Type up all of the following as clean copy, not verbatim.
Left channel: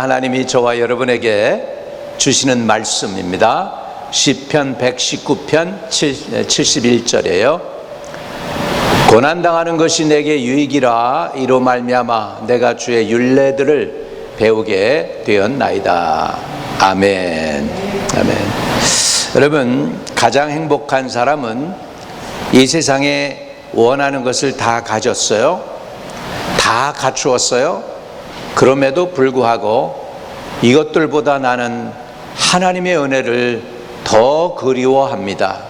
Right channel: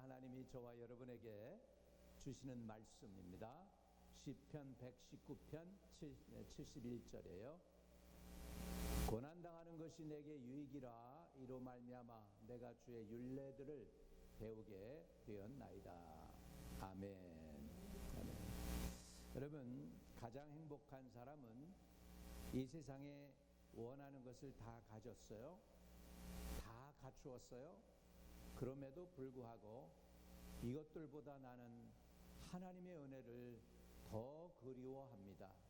하나님이 저와 여러분에게 주시는 말씀입니다. 시편 119편 71절이에요. 고난당하는 것이 내게 유익이라 이로 말미암아 내가 주의 율례들을 배우게 되었나이다. 아멘. 아멘. 여러분, 가장 행복한 사람은 이 세상에 원하는 것을 다 가졌어요. 다 갖추었어요. 그럼에도 불구하고 이것들보다 나는 하나님의 은혜를 더 그리워합니다.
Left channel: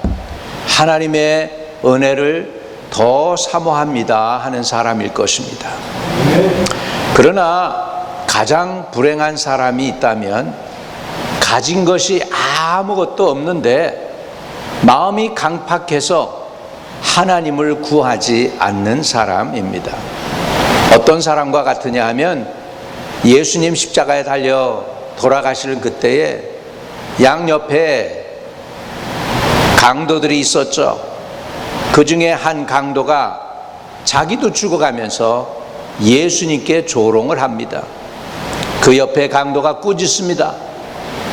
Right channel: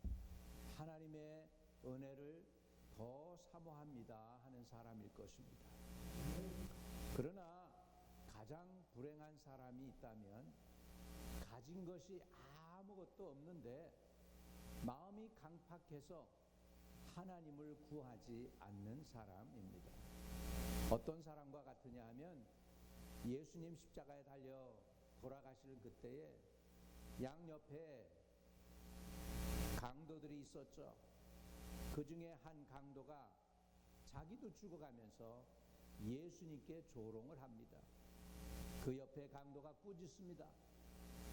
하나님의 은혜를 더 사모합니다 하는 사람일 것입니다. 그러나 가장 불행한 사람이 있다면 가진 것이 아무것도 없는데 마음이 강팍해서 하나님을 구하지 않는 사람입니다. 어떤 사람과 같으냐 하면 예수님 십자가에 달려 돌아가시는 그때에 양옆에 강도들이 있었죠. 그 중에 한 강도가 자기도 죽어가면서 예수님께 조롱을 합니다. 그 옆에 강도가 꾸짖습니다.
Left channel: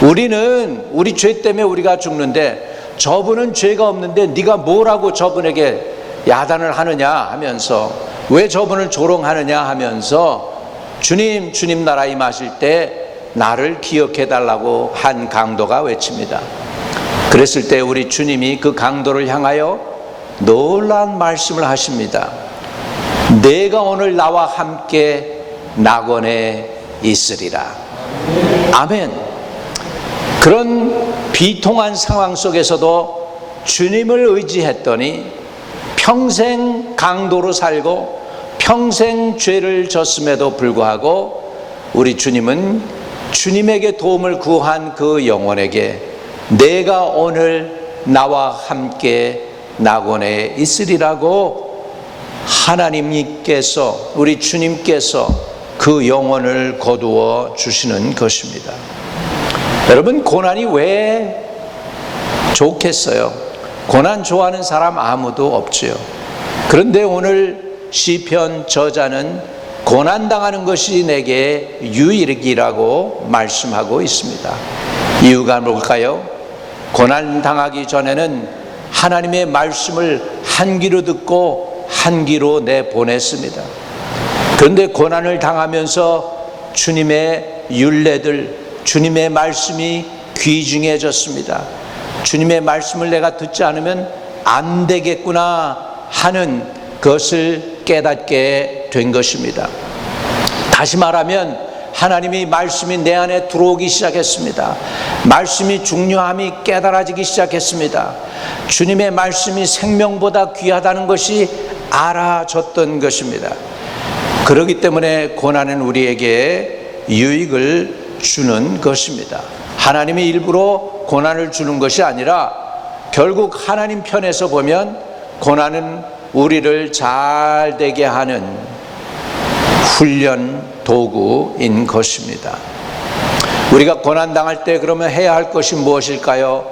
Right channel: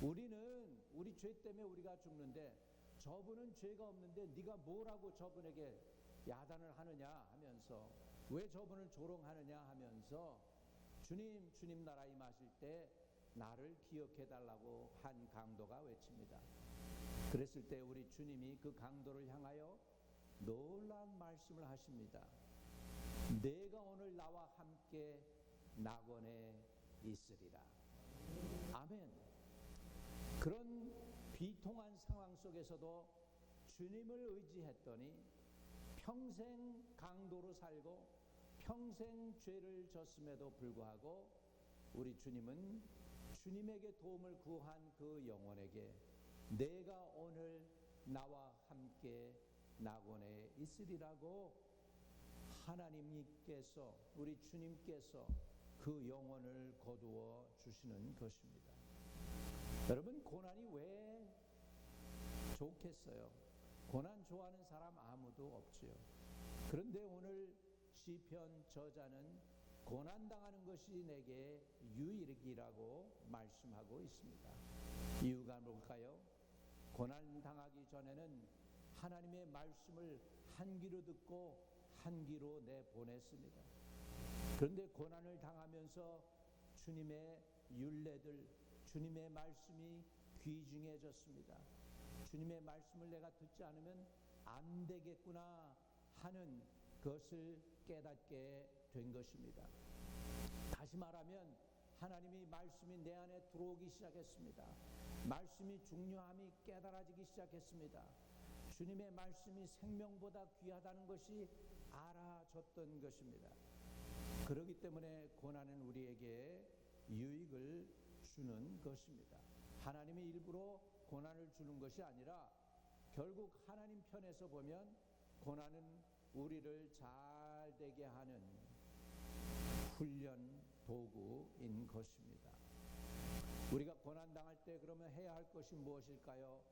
우리 죄 때문에 우리가 죽는데 저분은 죄가 없는데 네가 뭐라고 저분에게 야단을 하느냐 하면서, 왜 저분을 조롱하느냐 하면서 주님 나라 임하실 때 나를 기억해 달라고 한 강도가 외칩니다. 그랬을 때 우리 주님이 그 강도를 향하여 놀라운 말씀을 하십니다. 내가 오늘 나와 함께 낙원에 있으리라. 아멘. 그런 비통한 상황 속에서도 주님을 의지했더니 평생 강도로 살고 평생 죄를 졌음에도 불구하고 우리 주님은 주님에게 도움을 구한 그 영혼에게 내가 오늘 나와 함께 낙원에 있으리라고 하나님께서, 우리 주님께서 그 영혼을 거두어 주시는 것입니다. 여러분, 고난이 왜 좋겠어요? 고난 좋아하는 사람 아무도 없지요. 그런데 오늘 시편 저자는 고난당하는 것이 내게 유익이라고 말씀하고 있습니다. 이유가 뭘까요? 고난당하기 전에는 하나님의 말씀을 한 귀로 듣고 한 귀로 내보냈습니다. 그런데 고난을 당하면서 주님의 율례들, 주님의 말씀이 귀중해졌습니다. 주님의 말씀을 내가 듣지 않으면 안 되겠구나 하는 것을 깨닫게 된 것입니다. 다시 말하면 하나님의 말씀이 내 안에 들어오기 시작했습니다. 말씀이 중요함이 깨달아지기 시작했습니다. 주님의 말씀이 생명보다 귀하다는 것이 알아졌던 것입니다. 그렇기 때문에 고난은 우리에게 유익을 주는 것입니다. 하나님이 일부러 고난을 주는 것이 아니라 결국 하나님 편에서 보면 고난은 우리를 잘 되게 하는 훈련 도구인 것입니다. 우리가 고난당할 때 그러면 해야 할 것이 무엇일까요?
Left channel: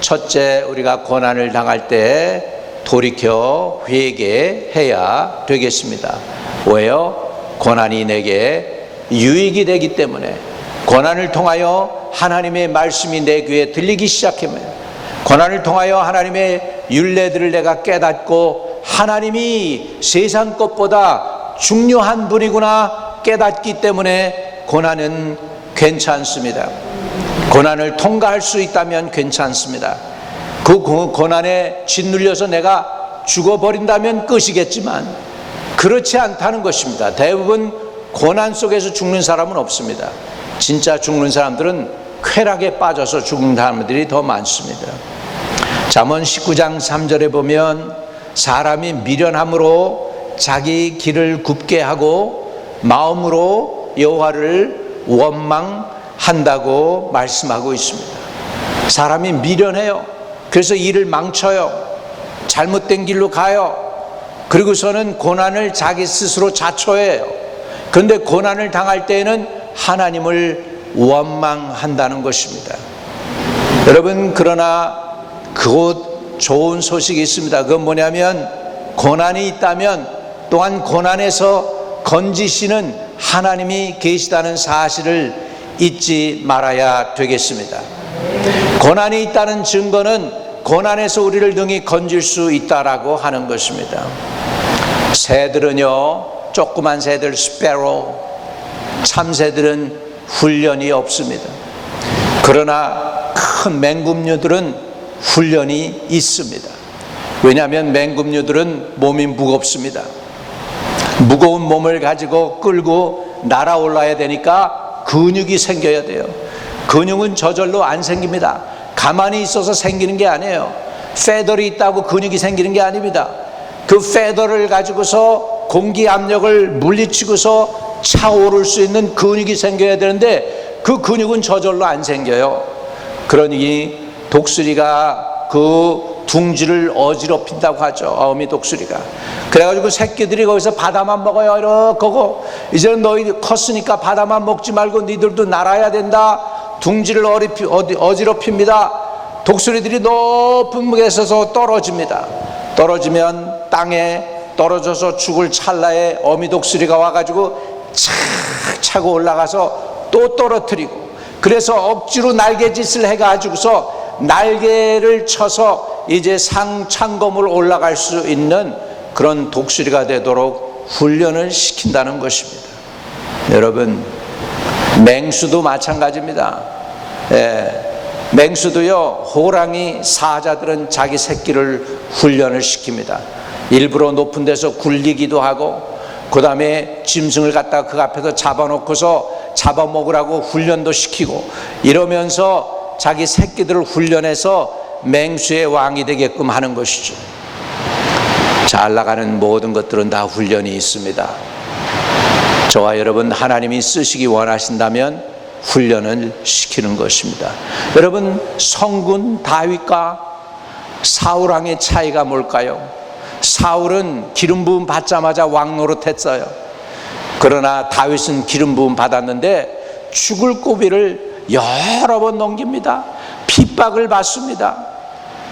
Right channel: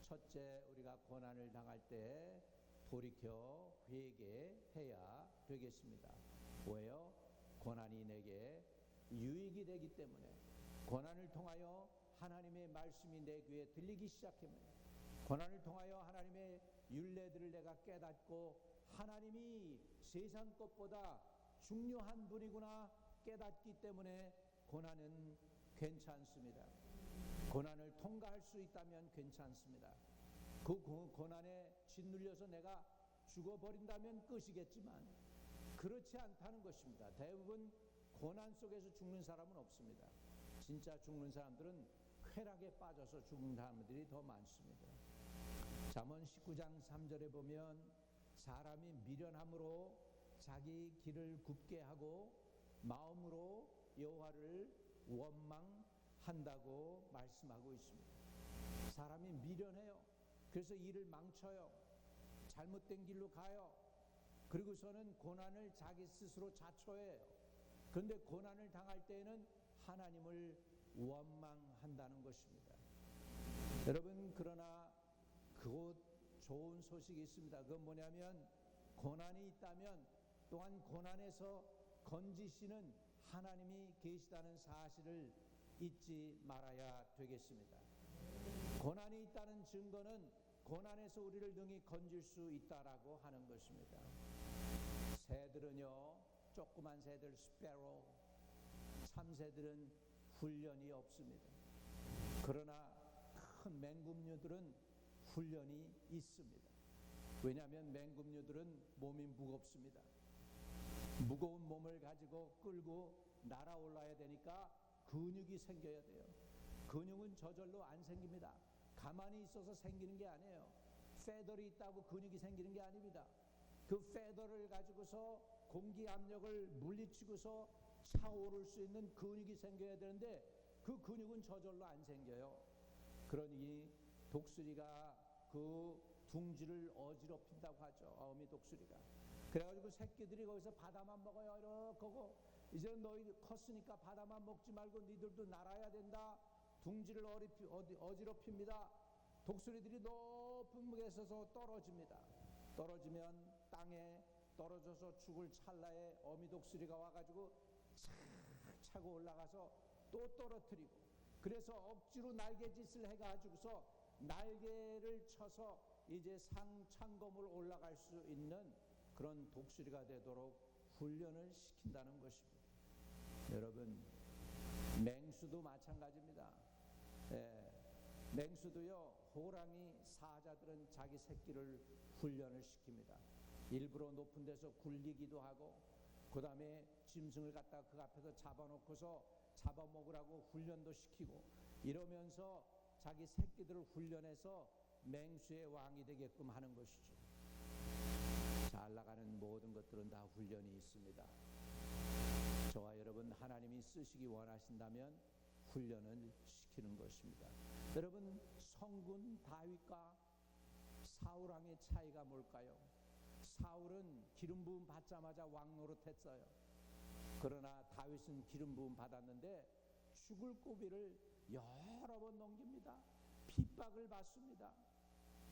첫째, 우리가 고난을 당할 때 돌이켜 회개해야 되겠습니다. 왜요? 고난이 내게 유익이 되기 때문에, 고난을 통하여 하나님의 말씀이 내 귀에 들리기 시작하면, 고난을 통하여 하나님의 율례들을 내가 깨닫고 하나님이 세상 것보다 중요한 분이구나 깨닫기 때문에 고난은 괜찮습니다. 고난을 통과할 수 있다면 괜찮습니다. 그 고난에 짓눌려서 내가 죽어버린다면 끝이겠지만 그렇지 않다는 것입니다. 대부분 고난 속에서 죽는 사람은 없습니다. 진짜 죽는 사람들은 쾌락에 빠져서 죽는 사람들이 더 많습니다. 잠언 19장 3절에 보면 사람이 미련함으로 자기 길을 굽게 하고 마음으로 여호와를 원망한다고 말씀하고 있습니다. 사람이 미련해요. 그래서 일을 망쳐요. 잘못된 길로 가요. 그리고서는 고난을 자기 스스로 자초해요. 그런데 고난을 당할 때에는 하나님을 원망한다는 것입니다. 여러분, 그러나 그곳 좋은 소식이 있습니다. 그건 뭐냐면 고난이 있다면 또한 고난에서 건지시는 하나님이 계시다는 사실을 잊지 말아야 되겠습니다. 고난이 있다는 증거는 고난에서 우리를 능히 건질 수 있다라고 하는 것입니다. 새들은요, 조그만 새들 스패로, 참새들은 훈련이 없습니다. 그러나 큰 맹금류들은 훈련이 있습니다. 왜냐하면 맹금류들은 몸이 무겁습니다. 무거운 몸을 가지고 끌고 날아올라야 되니까 근육이 생겨야 돼요. 근육은 저절로 안 생깁니다. 가만히 있어서 생기는 게 아니에요. 페더리 있다고 근육이 생기는 게 아닙니다. 그 페더를 가지고서 공기 압력을 물리치고서 차오를 수 있는 근육이 생겨야 되는데 그 근육은 저절로 안 생겨요. 그러니 독수리가 그 둥지를 어지럽힌다고 하죠. 어미 독수리가. 그래가지고 새끼들이 거기서 바다만 먹어요. 이렇게 하고, 이제는 너희 컸으니까 바다만 먹지 말고 니들도 날아야 된다. 둥지를 어지럽힙니다. 독수리들이 높은 곳에 서서 떨어집니다. 떨어지면 땅에 떨어져서 죽을 찰나에 어미 독수리가 와가지고 착 차고 올라가서 또 떨어뜨리고, 그래서 억지로 날개짓을 해가지고서 날개를 쳐서 이제 상창검을 올라갈 수 있는 그런 독수리가 되도록 훈련을 시킨다는 것입니다. 여러분, 맹수도 마찬가지입니다. 맹수도요, 호랑이 사자들은 자기 새끼를 훈련을 시킵니다. 일부러 높은 데서 굴리기도 하고, 그 다음에 짐승을 갖다가 그 앞에서 잡아놓고서 잡아먹으라고 훈련도 시키고, 이러면서 자기 새끼들을 훈련해서 맹수의 왕이 되게끔 하는 것이죠. 잘 나가는 모든 것들은 다 훈련이 있습니다. 저와 여러분, 하나님이 쓰시기 원하신다면 훈련을 시키는 것입니다. 여러분, 성군 다윗과 사울 왕의 차이가 뭘까요? 사울은 기름 부음 받자마자 왕 노릇했어요. 그러나 다윗은 기름 부음 받았는데 죽을 고비를 여러 번 넘깁니다. 핍박을 받습니다.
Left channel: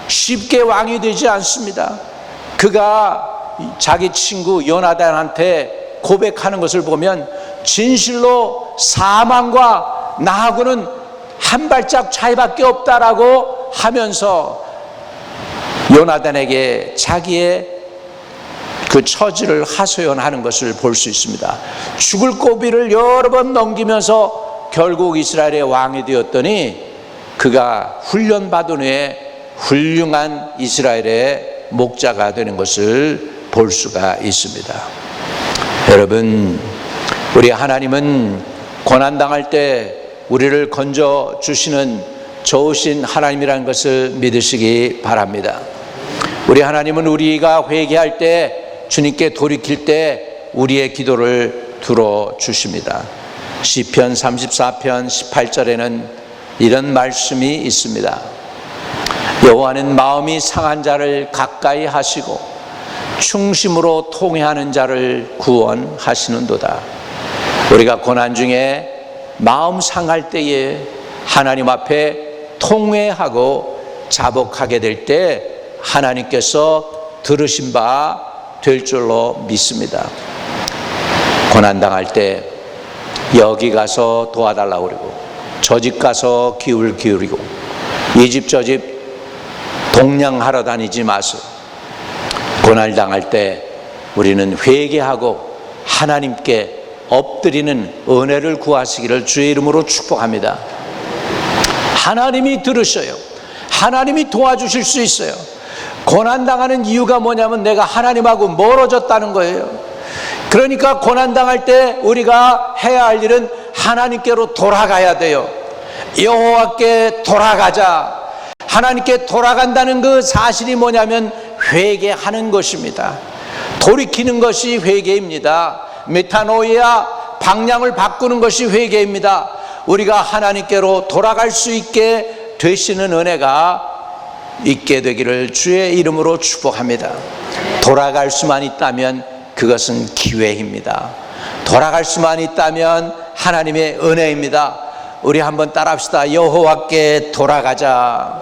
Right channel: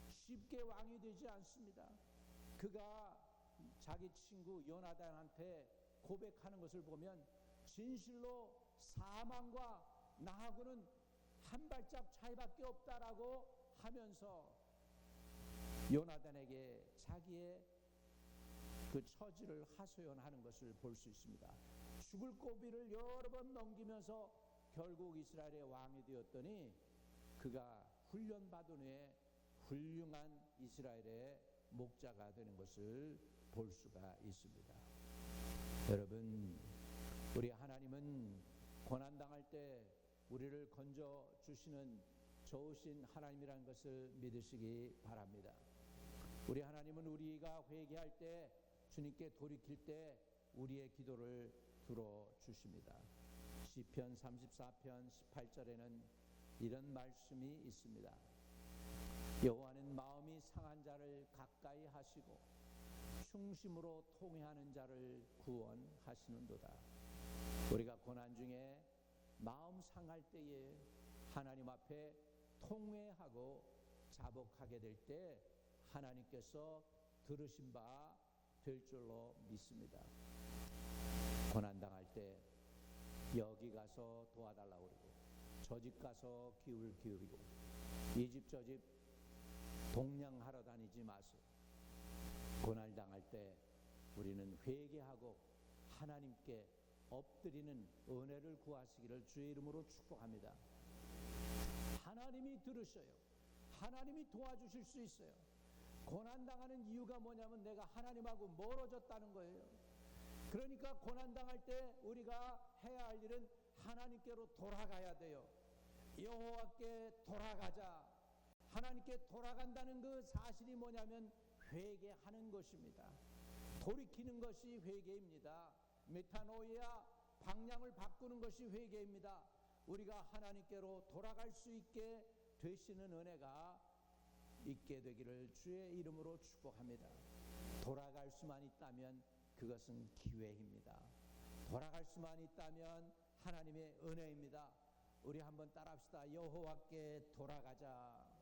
쉽게 왕이 되지 않습니다. 그가 자기 친구 요나단한테 고백하는 것을 보면 진실로 사망과 나하고는 한 발짝 차이밖에 없다라고 하면서 요나단에게 자기의 그 처지를 하소연하는 것을 볼 수 있습니다. 죽을 고비를 여러 번 넘기면서 결국 이스라엘의 왕이 되었더니 그가 훈련받은 후에 훌륭한 이스라엘의 목자가 되는 것을 볼 수가 있습니다. 여러분, 우리 하나님은 고난당할 때 우리를 건져주시는 좋으신 하나님이라는 것을 믿으시기 바랍니다. 우리 하나님은 우리가 회개할 때, 주님께 돌이킬 때 우리의 기도를 들어주십니다. 시편 34편 18절에는 이런 말씀이 있습니다. 여호와는 마음이 상한 자를 가까이 하시고 충심으로 통회하는 자를 구원하시는도다. 우리가 고난 중에 마음 상할 때에 하나님 앞에 통회하고 자복하게 될 때 하나님께서 들으신 바 될 줄로 믿습니다. 고난당할 때 여기 가서 도와달라고 그러고, 저 집 가서 기울 기울이고, 이 집 저 집 동냥하러 다니지 마세요. 고난을 당할 때 우리는 회개하고 하나님께 엎드리는 은혜를 구하시기를 주의 이름으로 축복합니다. 하나님이 들으셔요. 하나님이 도와주실 수 있어요. 고난당하는 이유가 뭐냐면 내가 하나님하고 멀어졌다는 거예요. 그러니까 고난당할 때 우리가 해야 할 일은 하나님께로 돌아가야 돼요. 여호와께 돌아가자. 하나님께 돌아간다는 그 사실이 뭐냐면 회개하는 것입니다. 돌이키는 것이 회개입니다. 메타노이아, 방향을 바꾸는 것이 회개입니다. 우리가 하나님께로 돌아갈 수 있게 되시는 은혜가 있게 되기를 주의 이름으로 축복합니다. 돌아갈 수만 있다면 그것은 기회입니다. 돌아갈 수만 있다면 하나님의 은혜입니다. 우리 한번 따라합시다. 여호와께 돌아가자.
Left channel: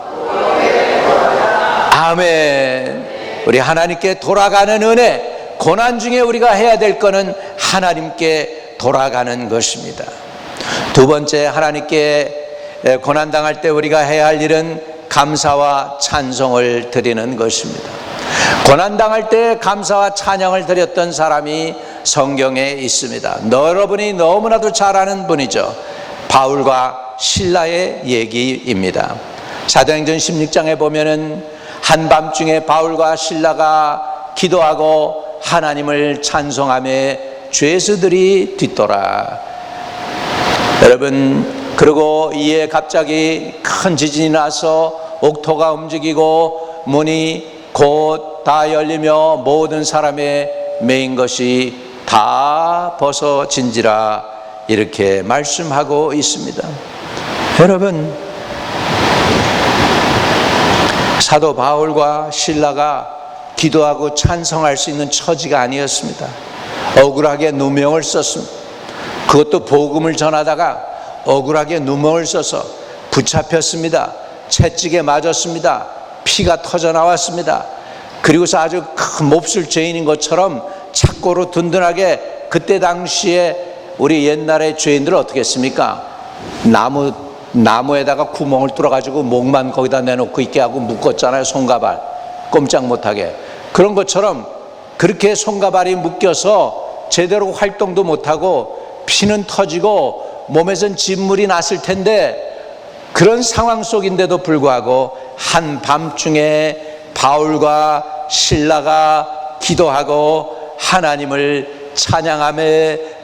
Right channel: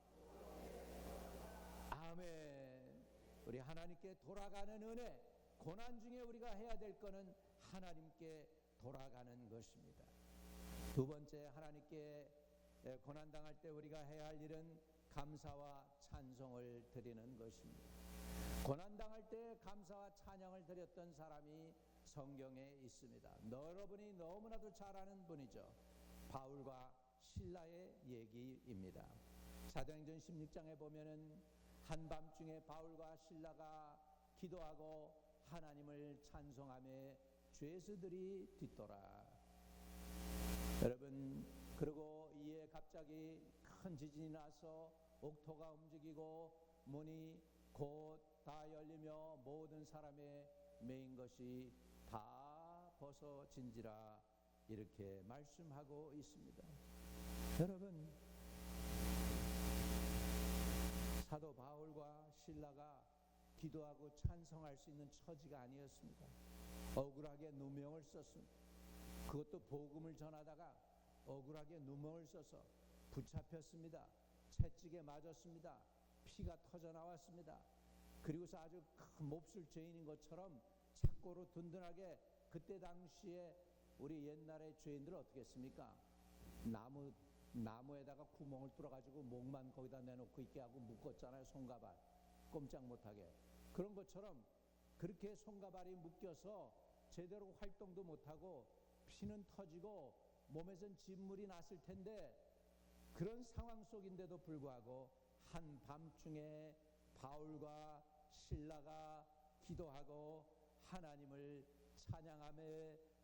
아멘. 우리 하나님께 돌아가는 은혜, 고난 중에 우리가 해야 될 것은 하나님께 돌아가는 것입니다. 두 번째, 하나님께 고난당할 때 우리가 해야 할 일은 감사와 찬송을 드리는 것입니다. 고난당할 때 감사와 찬양을 드렸던 사람이 성경에 있습니다. 여러분이 너무나도 잘 아는 분이죠. 바울과 실라의 얘기입니다. 사도행전 16장에 보면은 한밤중에 바울과 실라가 기도하고 하나님을 찬송하며 죄수들이 뒤돌아. 여러분, 그리고 이에 갑자기 큰 지진이 나서 옥토가 움직이고 문이 곧 다 열리며 모든 사람의 매인 것이 다 벗어진지라, 이렇게 말씀하고 있습니다. 여러분, 사도 바울과 실라가 기도하고 찬송할 수 있는 처지가 아니었습니다. 억울하게 누명을 썼습니다. 그것도 복음을 전하다가 억울하게 누명을 써서 붙잡혔습니다. 채찍에 맞았습니다. 피가 터져 나왔습니다. 그리고서 아주 큰 몹쓸 죄인인 것처럼 착고로 든든하게, 그때 당시에 우리 옛날의 죄인들은 어떻게 했습니까? 나무에다가 구멍을 뚫어가지고 목만 거기다 내놓고 있게 하고 묶었잖아요. 손가발 꼼짝 못하게. 그런 것처럼 그렇게 손가발이 묶여서 제대로 활동도 못하고 피는 터지고 몸에선 진물이 났을 텐데, 그런 상황 속인데도 불구하고 한밤중에 바울과 실라가 기도하고 하나님을 찬양하며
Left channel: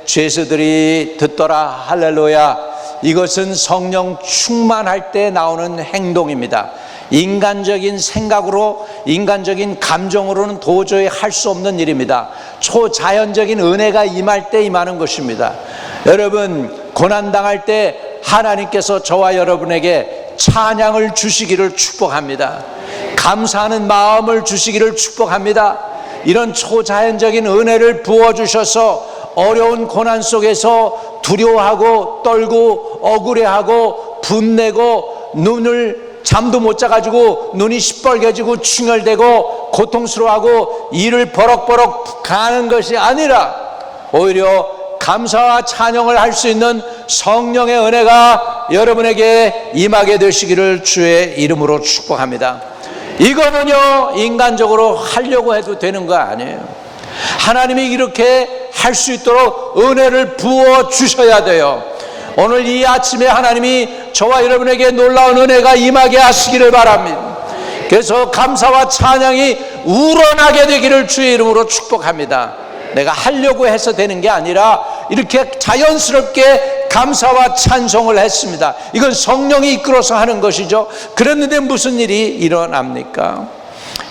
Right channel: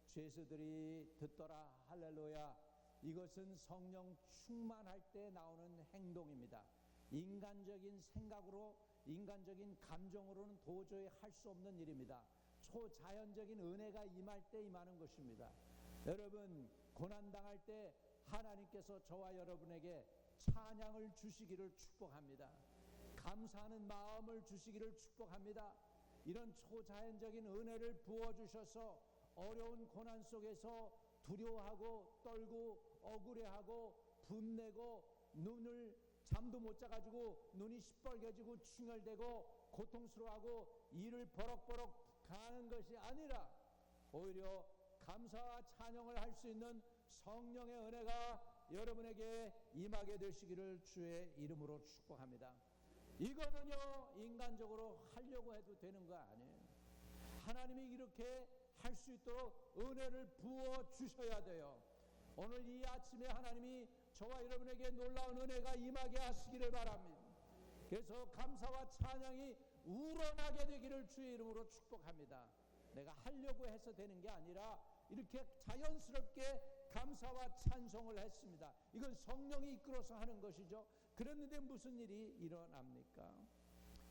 죄수들이 듣더라. 할렐루야. 이것은 성령 충만할 때 나오는 행동입니다. 인간적인 생각으로, 인간적인 감정으로는 도저히 할 수 없는 일입니다. 초자연적인 은혜가 임할 때 임하는 것입니다. 여러분, 고난당할 때 하나님께서 저와 여러분에게 찬양을 주시기를 축복합니다. 감사하는 마음을 주시기를 축복합니다. 이런 초자연적인 은혜를 부어주셔서 어려운 고난 속에서 두려워하고 떨고 억울해하고 분내고 잠도 못 자가지고 눈이 시뻘개지고 충혈되고 고통스러워하고 이를 버럭버럭 가는 것이 아니라, 오히려 감사와 찬양을 할 수 있는 성령의 은혜가 여러분에게 임하게 되시기를 주의 이름으로 축복합니다. 이거는요, 인간적으로 하려고 해도 되는 거 아니에요. 하나님이 이렇게 할 수 있도록 은혜를 부어 주셔야 돼요. 오늘 이 아침에 하나님이 저와 여러분에게 놀라운 은혜가 임하게 하시기를 바랍니다. 그래서 감사와 찬양이 우러나게 되기를 주의 이름으로 축복합니다. 내가 하려고 해서 되는 게 아니라 이렇게 자연스럽게 감사와 찬송을 했습니다. 이건 성령이 이끌어서 하는 것이죠. 그랬는데 무슨 일이 일어납니까?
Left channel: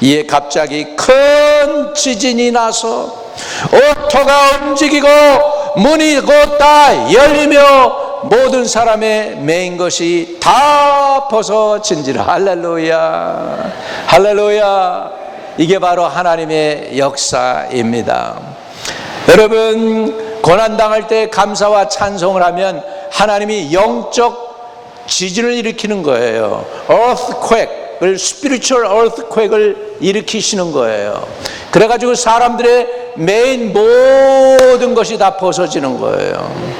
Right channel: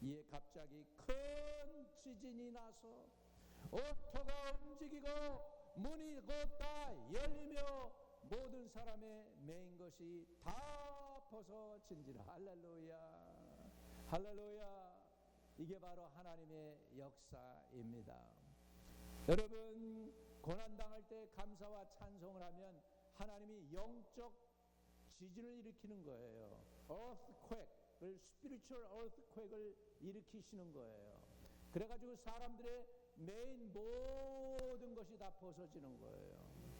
이에 갑자기 큰 지진이 나서 옥토가 움직이고 문이 곧 다 열리며 모든 사람의 매인 것이 다 벗어진지라. 할렐루야, 할렐루야. 이게 바로 하나님의 역사입니다. 여러분, 고난당할 때 감사와 찬송을 하면 하나님이 영적 지진을 일으키는 거예요. earthquake을, spiritual earthquake을 일으키시는 거예요. 그래가지고 사람들의 메인 모든 것이 다 벗어지는 거예요.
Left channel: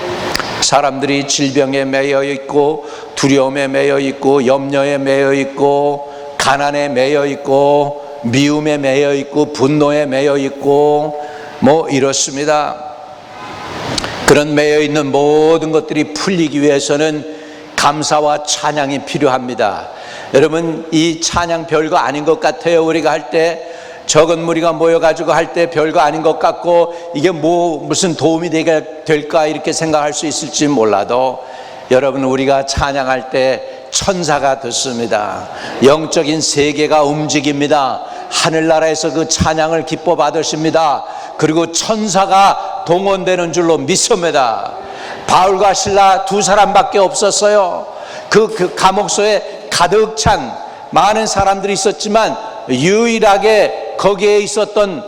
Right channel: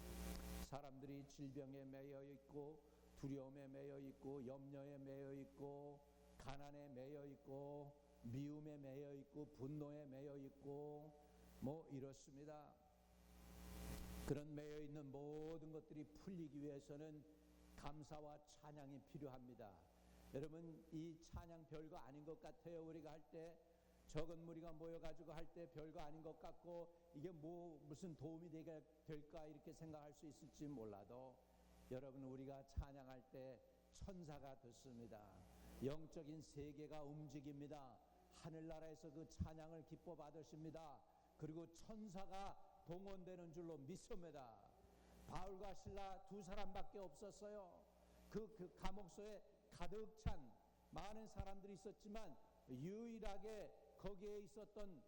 사람들이 질병에 매여 있고 두려움에 매여 있고 염려에 매여 있고 가난에 매여 있고 미움에 매여 있고 분노에 매여 있고 뭐 이렇습니다. 그런 매여 있는 모든 것들이 풀리기 위해서는 감사와 찬양이 필요합니다. 여러분, 이 찬양 별거 아닌 것 같아요. 우리가 할 때 적은 무리가 모여가지고 할 때 별거 아닌 것 같고 이게 무슨 도움이 될까 이렇게 생각할 수 있을지 몰라도, 여러분, 우리가 찬양할 때 천사가 듣습니다. 영적인 세계가 움직입니다. 하늘나라에서 그 찬양을 기뻐 받으십니다. 그리고 천사가 동원되는 줄로 믿습니다. 바울과 실라 두 사람밖에 없었어요. 그 감옥소에 가득 찬 많은 사람들이 있었지만 유일하게 거기에 있었던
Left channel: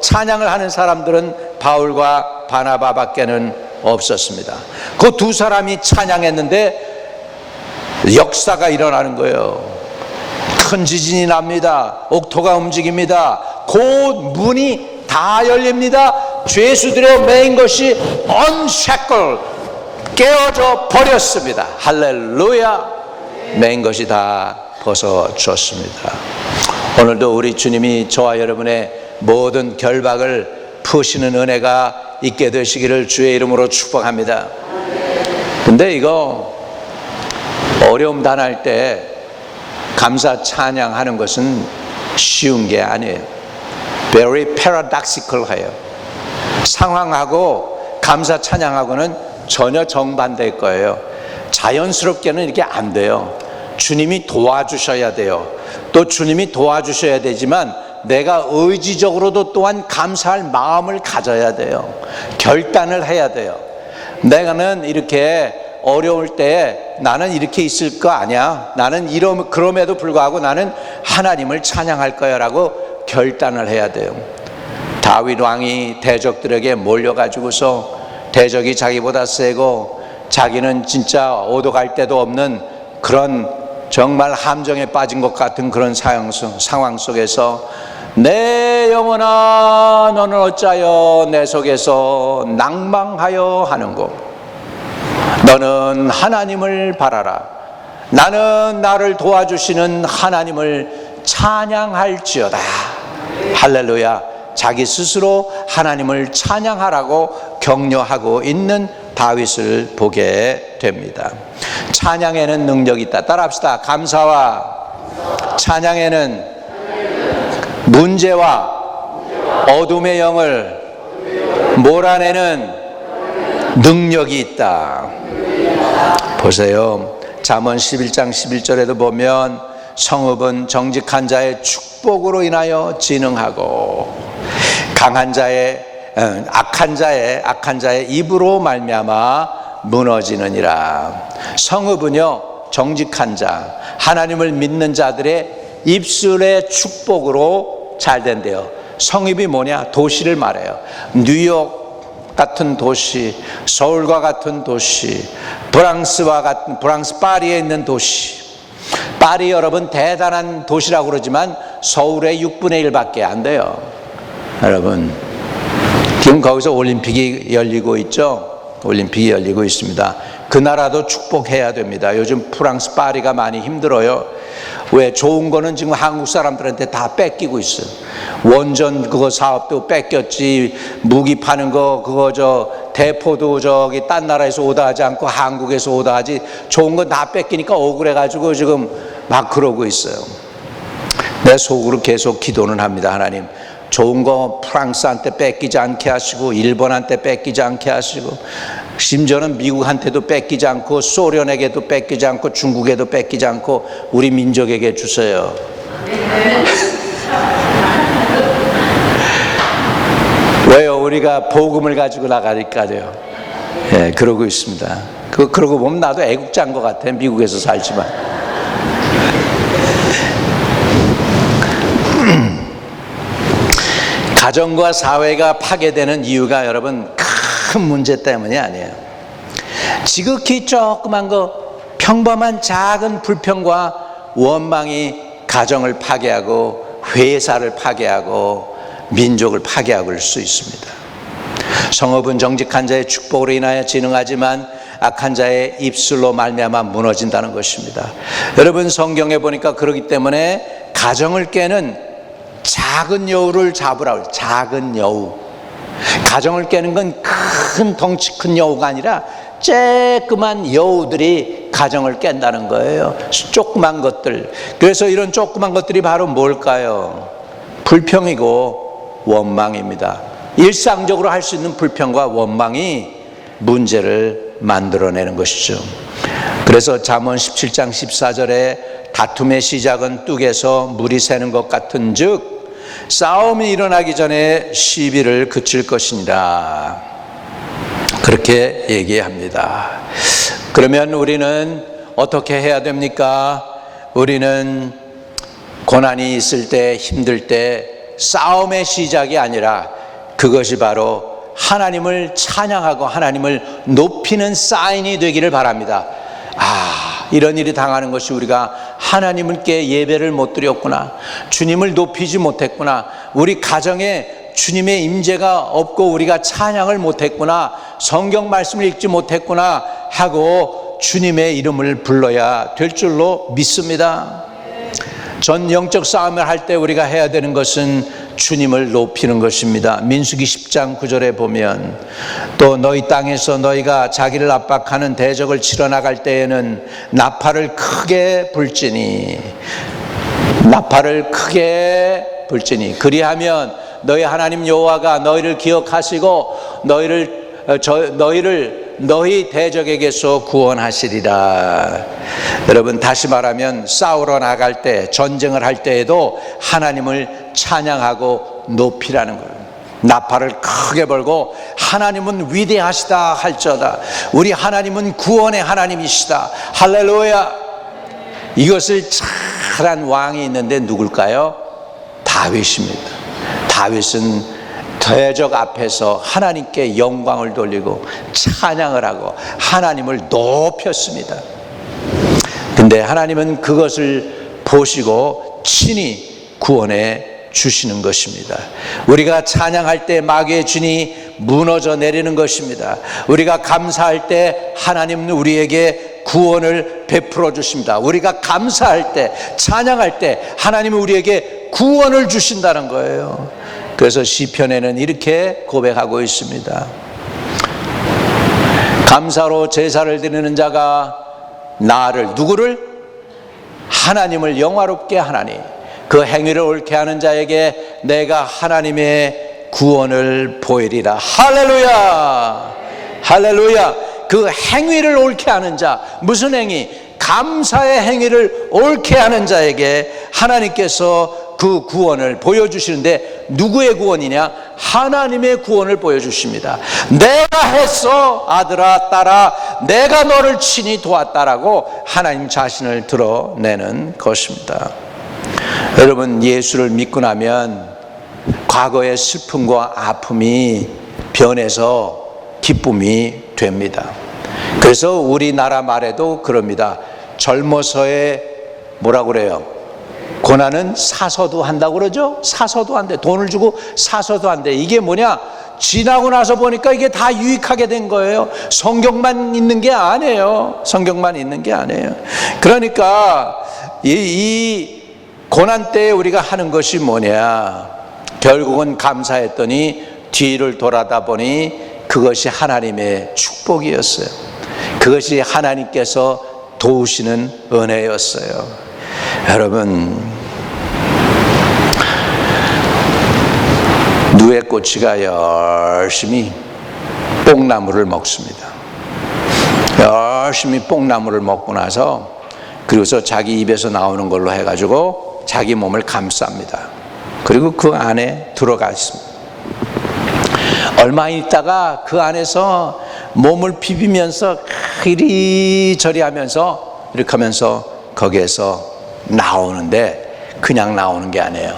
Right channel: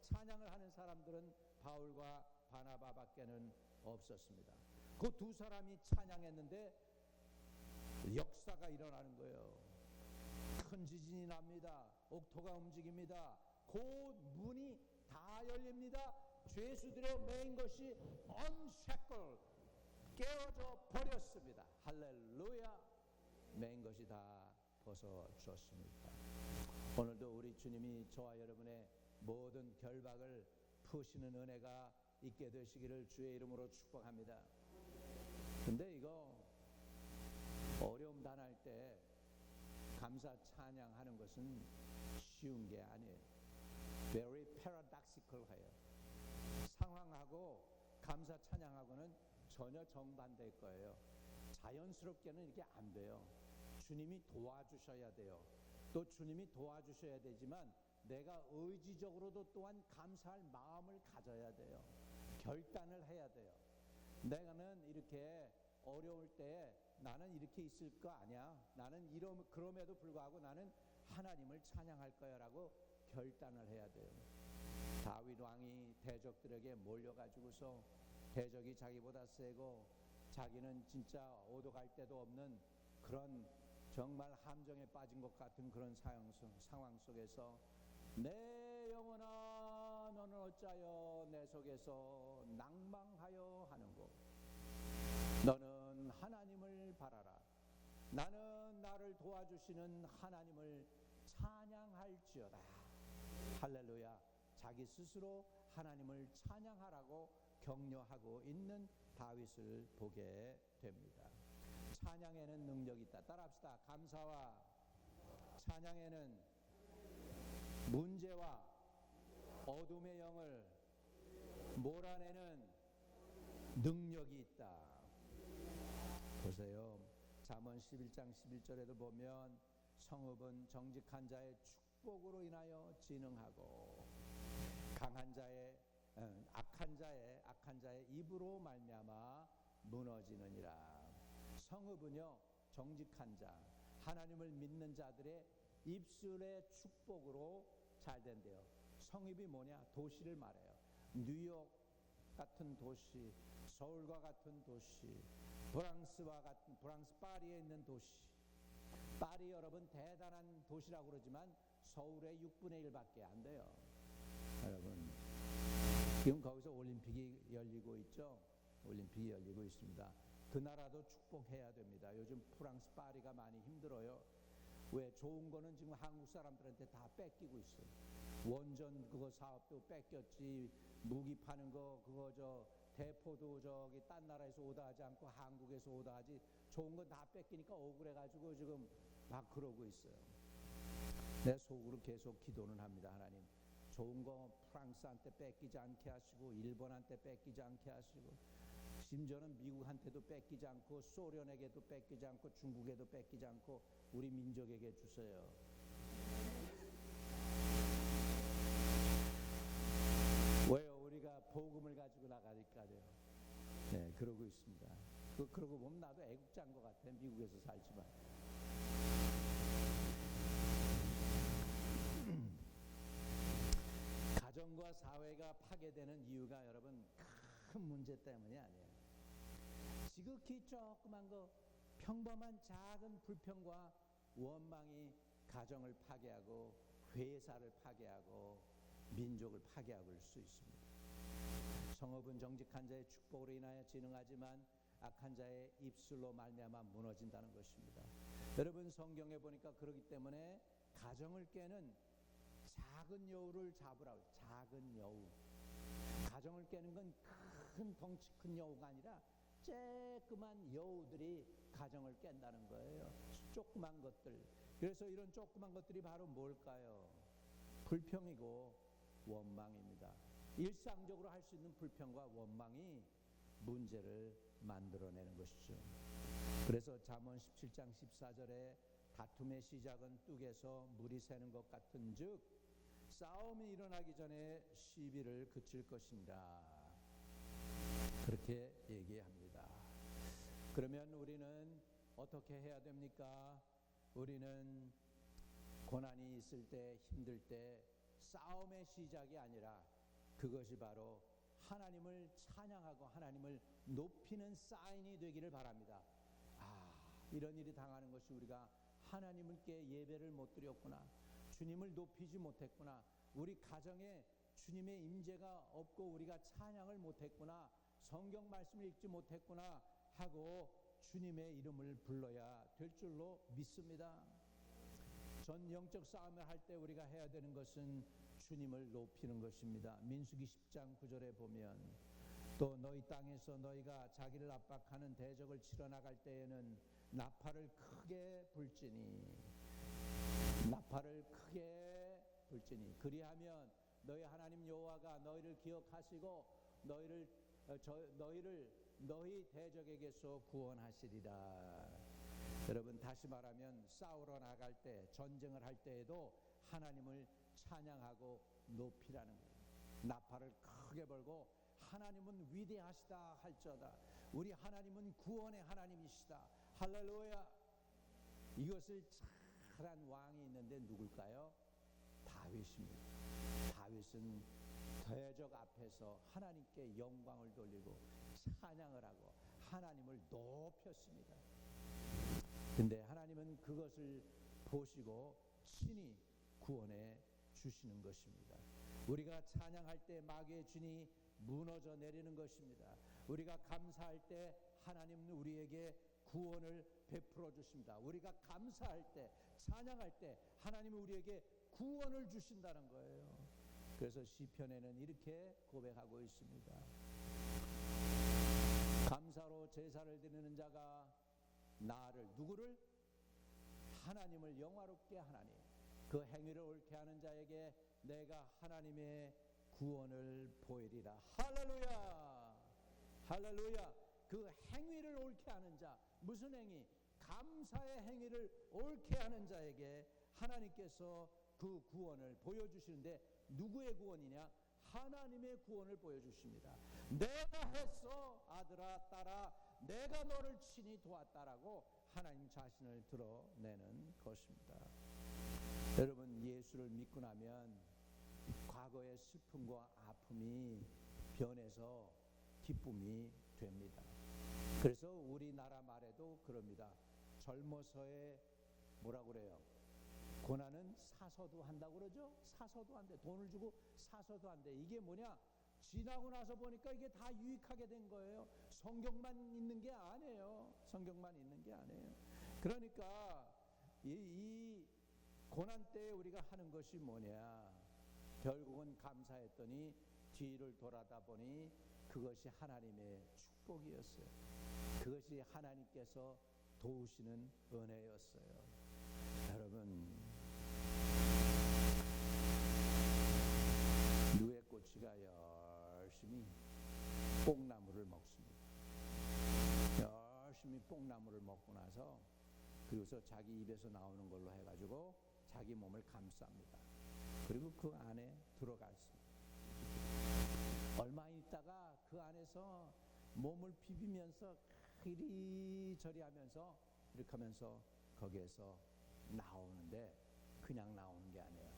찬양을 하는 사람들은 바울과 바나바밖에는 없었습니다. 그 두 사람이 찬양했는데 역사가 일어나는 거예요. 큰 지진이 납니다. 옥토가 움직입니다. 곧 문이 다 열립니다. 죄수들의 매인 것이 언shackle 깨어져 버렸습니다. 할렐루야. 매인 것이 다 벗어졌습니다. 오늘도 우리 주님이 저와 여러분의 모든 결박을 푸시는 은혜가 있게 되시기를 주의 이름으로 축복합니다. 근데 이거 어려움 당할 때 감사 찬양하는 것은 쉬운 게 아니에요. Very paradoxical 해요. 상황하고 감사 찬양하고는 전혀 정반대일 거예요. 자연스럽게는 이렇게 안 돼요. 주님이 도와주셔야 돼요. 또 주님이 도와주셔야 되지만 내가 의지적으로도 또한 감사할 마음을 가져야 돼요. 결단을 해야 돼요. 내가는 이렇게 어려울 때 나는 이렇게 있을 거 아니야. 나는 그럼에도 불구하고 나는 하나님을 찬양할 거야 라고 결단을 해야 돼요. 다윗 왕이 대적들에게 몰려가지고서 대적이 자기보다 세고 자기는 진짜 오도갈 데도 없는 그런 정말 함정에 빠진 것 같은 그런 상황 속에서 내 영혼아 너는 어찌하여 내 속에서 낭망하여 하는고 너는 하나님을 바라라. 나는 나를 도와주시는 하나님을 찬양할지어다. 할렐루야. 자기 스스로 하나님을 찬양하라고 격려하고 있는 다윗을 보게 됩니다. 찬양에는 능력이 있다. 따라합시다. 감사와 찬양에는 문제와 어둠의 영을 몰아내는 능력이 있다. 보세요. 잠언 11장 11절에도 보면 성읍은 정직한 자의 축복으로 인하여 진흥하고 악한 자의 입으로 말미암아 무너지느니라. 성읍은요 정직한 자, 하나님을 믿는 자들의 입술의 축복으로 잘 된대요. 성읍이 뭐냐? 도시를 말해요. 뉴욕 같은 도시, 서울과 같은 도시, 프랑스 파리에 있는 도시. 파리 여러분 대단한 도시라고 그러지만 서울의 6분의 1밖에 안 돼요. 여러분 지금 거기서 올림픽이 열리고 있죠. 올림픽이 열리고 있습니다. 그 나라도 축복해야 됩니다. 요즘 프랑스 파리가 많이 힘들어요. 왜? 좋은 거는 지금 한국 사람들한테 다 뺏기고 있어요. 원전 그거 사업도 뺏겼지, 무기 파는 거 그거 대포도 저기 딴 나라에서 오다 하지 않고 한국에서 오다 하지, 좋은 건 다 뺏기니까 억울해가지고 지금 막 그러고 있어요. 내 속으로 계속 기도는 합니다. 하나님 좋은 거 프랑스한테 뺏기지 않게 하시고 일본한테 뺏기지 않게 하시고 심지어는 미국한테도 뺏기지 않고 소련에게도 뺏기지 않고 중국에도 뺏기지 않고 우리 민족에게 주세요. 왜요? 우리가 복음을 가지고 나가니까요. 예, 그러고 있습니다. 그러고 보면 나도 애국자인 것 같아. 미국에서 살지만. 가정과 사회가 파괴되는 이유가 여러분 큰 문제 때문이 아니에요. 지극히 조그만 거 평범한 작은 불평과 원망이 가정을 파괴하고 회사를 파괴하고 민족을 파괴하고 할 수 있습니다. 성읍은 정직한 자의 축복으로 인하여 진흥하지만 악한 자의 입술로 말미암아 무너진다는 것입니다. 여러분 성경에 보니까 그러기 때문에 가정을 깨는 작은 여우를 잡으라고. 작은 여우. 가정을 깨는 건 큰 덩치 큰 여우가 아니라 쬐끄만 여우들이 가정을 깬다는 거예요. 조그만 것들. 그래서 이런 조그만 것들이 바로 뭘까요? 불평이고 원망입니다. 일상적으로 할 수 있는 불평과 원망이 문제를 만들어내는 것이죠. 그래서 잠언 17장 14절에 다툼의 시작은 뚝에서 물이 새는 것 같은 즉 싸움이 일어나기 전에 시비를 그칠 것이니라. 그렇게 얘기합니다. 그러면 우리는 어떻게 해야 됩니까? 우리는 고난이 있을 때, 힘들 때 싸움의 시작이 아니라 그것이 바로 하나님을 찬양하고 하나님을 높이는 사인이 되기를 바랍니다. 이런 일이 당하는 것이 우리가 하나님께 예배를 못 드렸구나, 주님을 높이지 못했구나, 우리 가정에 주님의 임재가 없고 우리가 찬양을 못했구나, 성경 말씀을 읽지 못했구나 하고 주님의 이름을 불러야 될 줄로 믿습니다. 전 영적 싸움을 할 때 우리가 해야 되는 것은 주님을 높이는 것입니다. 민수기 10장 9절에 보면 또 너희 땅에서 너희가 자기를 압박하는 대적을 치러 나갈 때에는 나팔을 크게 불지니 그리하면 너희 하나님 여호와가 너희를 기억하시고 너희 대적에게서 구원하시리라. 여러분, 다시 말하면 싸우러 나갈 때, 전쟁을 할 때에도 하나님을 찬양하고 높이라는 거예요. 나팔을 크게 벌고 하나님은 위대하시다 할지어다. 우리 하나님은 구원의 하나님이시다. 할렐루야. 이것을 잘한 왕이 있는데 누굴까요? 다윗입니다. 다윗은 대적 앞에서 하나님께 영광을 돌리고 찬양을 하고 하나님을 높였습니다. 근데 하나님은 그것을 보시고 친히 구원해 주시는 것입니다. 우리가 찬양할 때 마귀의 진이 무너져 내리는 것입니다. 우리가 감사할 때 하나님은 우리에게 구원을 베풀어 주십니다. 우리가 감사할 때, 찬양할 때 하나님은 우리에게 구원을 주신다는 거예요. 그래서 시편에는 이렇게 고백하고 있습니다. 감사로 제사를 드리는 자가 누구를? 하나님을 영화롭게 하나니 그 행위를 옳게 하는 자에게 내가 하나님의 구원을 보이리라. 할렐루야. 할렐루야. 그 행위를 옳게 하는 자, 무슨 행위? 감사의 행위를 옳게 하는 자에게 하나님께서 그 구원을 보여주시는데, 누구의 구원이냐? 하나님의 구원을 보여주십니다. 내가 했어, 아들아, 딸아, 내가 너를 친히 도왔다라고 하나님 자신을 드러내는 것입니다. 여러분, 예수를 믿고 나면 과거의 슬픔과 아픔이 변해서 기쁨이 됩니다. 그래서 우리나라 말에도 그럽니다. 젊어서의 뭐라고 그래요? 고난은 사서도 한다고 그러죠? 사서도 한대. 돈을 주고 사서도 한대. 이게 뭐냐? 지나고 나서 보니까 이게 다 유익하게 된 거예요. 성경만 있는 게 아니에요. 성경만 있는 게 아니에요. 그러니까 이 고난 때에 우리가 하는 것이 뭐냐? 결국은 감사했더니 뒤를 돌아다 보니 그것이 하나님의 축복이었어요. 그것이 하나님께서 도우시는 은혜였어요. 여러분, 누에꼬치가 열심히 뽕나무를 먹습니다. 열심히 뽕나무를 먹고 나서 그리고서 자기 입에서 나오는 걸로 해가지고 자기 몸을 감쌉니다. 그리고 그 안에 들어가 있습니다. 얼마 있다가 그 안에서 몸을 비비면서 이리저리 하면서 이렇게 하면서 거기에서 나오는데, 그냥 나오는 게 아니에요.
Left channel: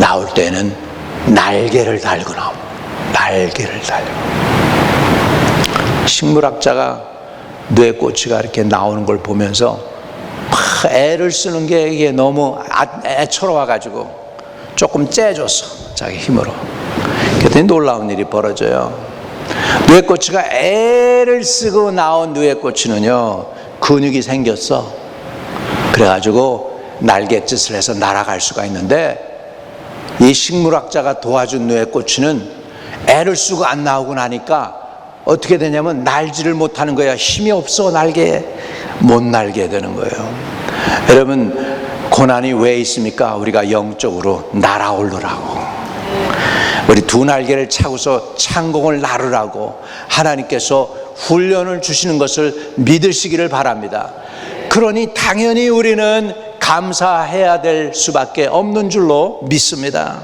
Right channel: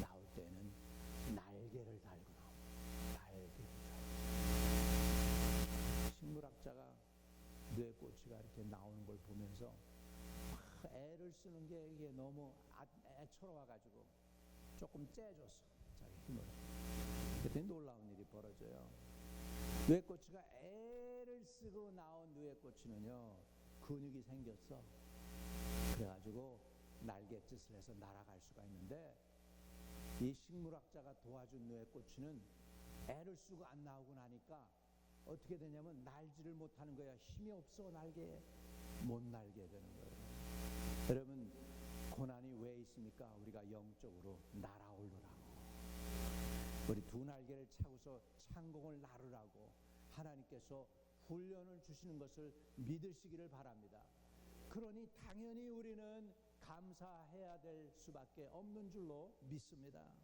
나올 때는 날개를 달고 나옵니다. 날개를 달고. 식물학자가 뇌꼬치가 이렇게 나오는 걸 보면서 막 애를 쓰는 게 이게 너무 애처로워가지고 조금 째줬어, 자기 힘으로. 그랬더니 놀라운 일이 벌어져요. 뇌꼬치가 애를 쓰고 나온 뇌꼬치는요, 근육이 생겼어. 그래가지고 날갯짓을 해서 날아갈 수가 있는데, 이 식물학자가 도와준 뇌꼬치는 애를 쓰고 안 나오고 나니까 어떻게 되냐면 날지를 못하는 거야. 힘이 없어. 날개에 못 날게 되는 거예요. 여러분, 고난이 왜 있습니까? 우리가 영적으로 날아오르라고, 우리 두 날개를 차고서 창공을 나르라고 하나님께서 훈련을 주시는 것을 믿으시기를 바랍니다. 그러니 당연히 우리는 감사해야 될 수밖에 없는 줄로 믿습니다.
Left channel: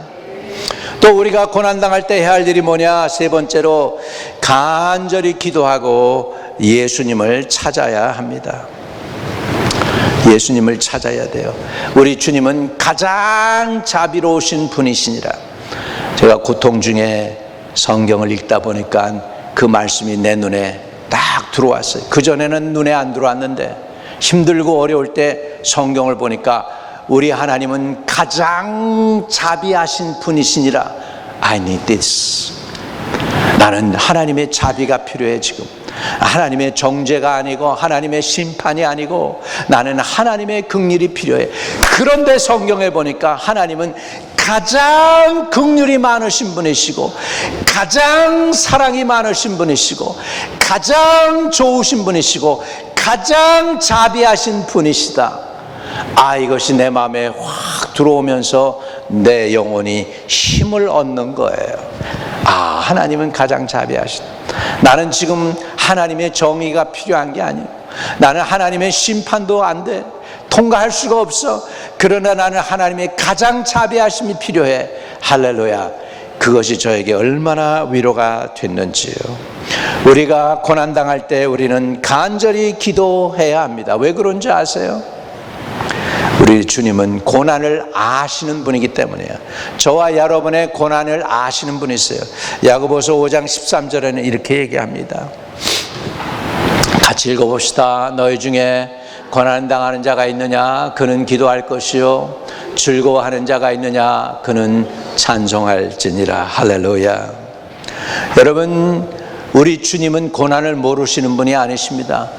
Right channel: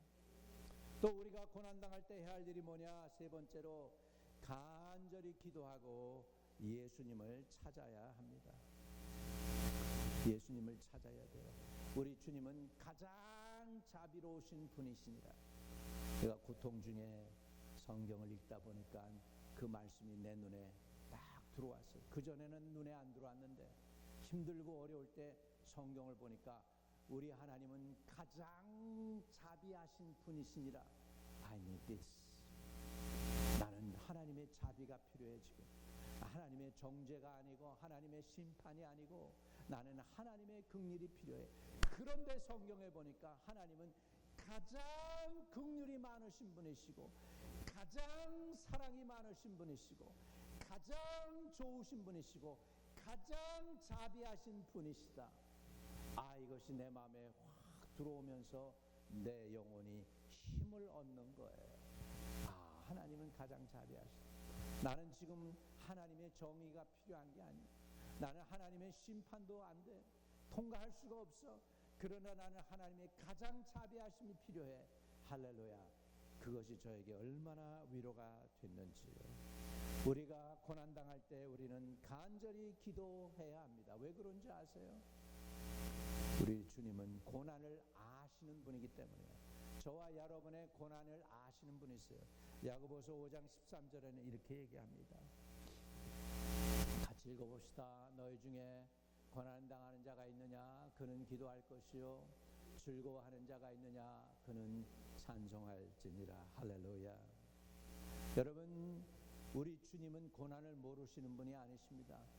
또 우리가 고난당할 때 해야 할 일이 뭐냐? 세 번째로 간절히 기도하고 예수님을 찾아야 합니다. 예수님을 찾아야 돼요. 우리 주님은 가장 자비로우신 분이시니라. 제가 고통 중에 성경을 읽다 보니까 그 말씀이 내 눈에 딱 들어왔어요. 그전에는 눈에 안 들어왔는데 힘들고 어려울 때 성경을 보니까 우리 하나님은 가장 자비하신 분이시니라 I need this. 나는 하나님의 자비가 필요해. 지금 하나님의 정죄가 아니고 하나님의 심판이 아니고 나는 하나님의 긍휼이 필요해. 그런데 성경에 보니까 하나님은 가장 긍휼이 많으신 분이시고 가장 사랑이 많으신 분이시고 가장 좋으신 분이시고 가장 자비하신 분이시다. 이것이 내 마음에 확 들어오면서 내 영혼이 힘을 얻는 거예요. 하나님은 가장 자비하시다. 나는 지금 하나님의 정의가 필요한 게 아니에요. 나는 하나님의 심판도 안 돼. 통과할 수가 없어. 그러나 나는 하나님의 가장 자비하심이 필요해. 할렐루야. 그것이 저에게 얼마나 위로가 됐는지요. 우리가 고난당할 때 우리는 간절히 기도해야 합니다. 왜 그런지 아세요? 우리 주님은 고난을 아시는 분이기 때문이에요. 저와 여러분의 고난을 아시는 분이세요. 야고보서 5장 13절에는 이렇게 얘기합니다. 같이 읽어봅시다. 너희 중에 고난당하는 자가 있느냐? 그는 기도할 것이요 즐거워하는 자가 있느냐? 그는 찬송할지니라. 할렐루야. 여러분, 우리 주님은 고난을 모르시는 분이 아니십니다.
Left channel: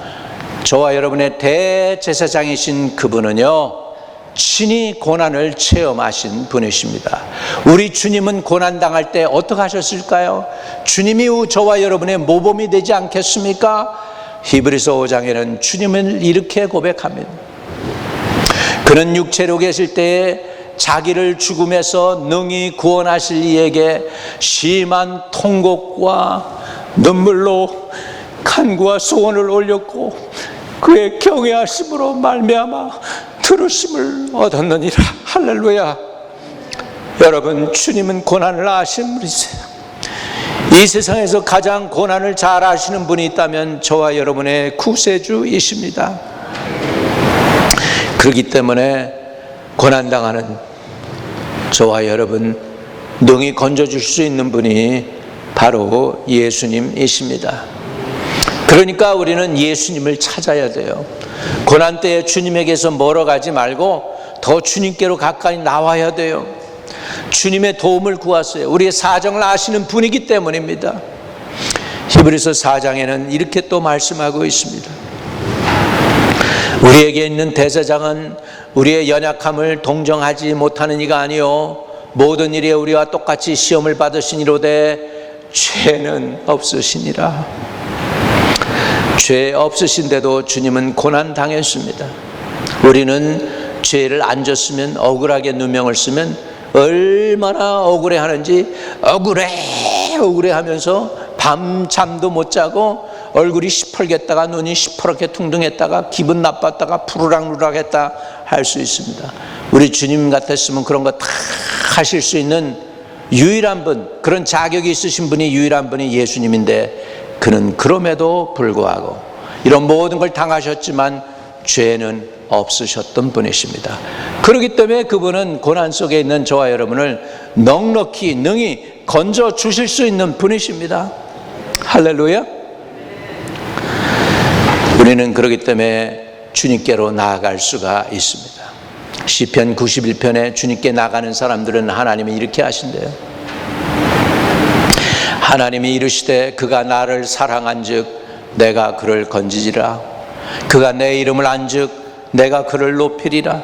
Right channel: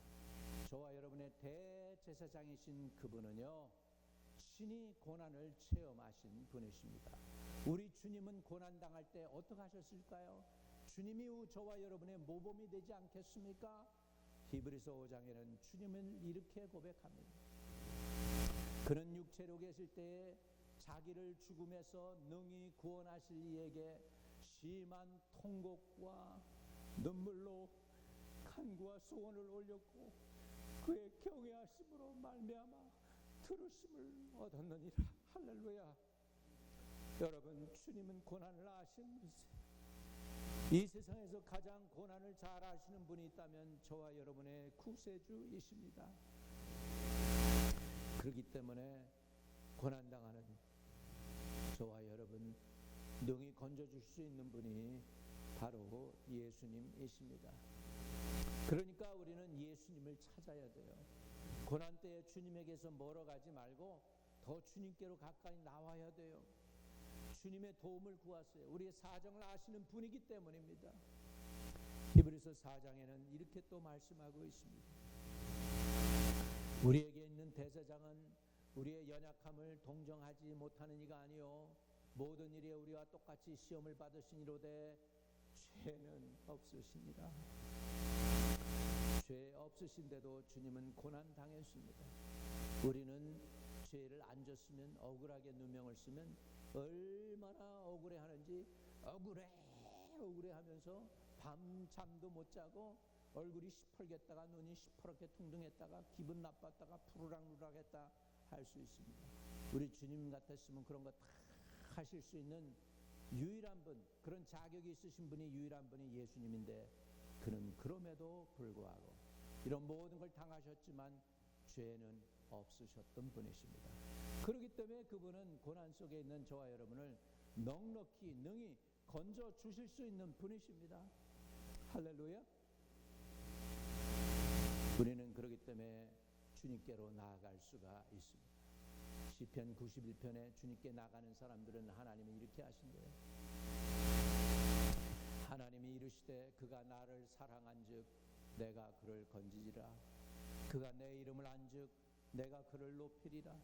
저와 여러분의 대제사장이신 그분은요 친히 고난을 체험하신 분이십니다. 우리 주님은 고난당할 때 어떻게 하셨을까요? 주님이 저와 여러분의 모범이 되지 않겠습니까? 히브리서 5장에는 주님을 이렇게 고백합니다. 그는 육체로 계실 때에 자기를 죽음에서 능히 구원하실 이에게 심한 통곡과 눈물로 간구와 소원을 올렸고 그의 경외하심으로 말미암아 들으심을 얻었느니라. 할렐루야. 여러분, 주님은 고난을 아시는 분이세요. 이 세상에서 가장 고난을 잘 아시는 분이 있다면 저와 여러분의 구세주이십니다. 그렇기 때문에 고난당하는 저와 여러분 능히 건져줄 수 있는 분이 바로 예수님이십니다. 그러니까 우리는 예수님을 찾아야 돼요. 고난 때에 주님에게서 멀어가지 말고 더 주님께로 가까이 나와야 돼요. 주님의 도움을 구하세요. 우리의 사정을 아시는 분이기 때문입니다. 히브리서 4장에는 이렇게 또 말씀하고 있습니다. 우리에게 있는 대제사장은 우리의 연약함을 동정하지 못하는 이가 아니요 모든 일에 우리와 똑같이 시험을 받으시니로되 죄는 없으시니라. 죄 없으신데도 주님은 고난 당했습니다. 우리는 죄를 안 졌으면 억울하게 누명을 쓰면 얼마나 억울해하는지 억울해 하면서 밤잠도 못 자고 얼굴이 시뻘겠다가 눈이 시퍼렇게 퉁퉁했다가 기분 나빴다가 푸르락루락했다 할 수 있습니다. 우리 주님 같았으면 그런 거 다 하실 수 있는 유일한 분, 그런 자격이 있으신 분이 유일한 분이 예수님인데 그는 그럼에도 불구하고 이런 모든 걸 당하셨지만 죄는 없으셨던 분이십니다. 그렇기 때문에 그분은 고난 속에 있는 저와 여러분을 넉넉히 능히 건져 주실 수 있는 분이십니다. 할렐루야. 우리는 그렇기 때문에 주님께로 나아갈 수가 있습니다. 시편 91편에 주님께 나가는 사람들은 하나님이 이렇게 하신대요. 하나님이 이르시되 그가 나를 사랑한즉 내가 그를 건지리라. 그가 내 이름을 안즉 내가 그를 높이리라.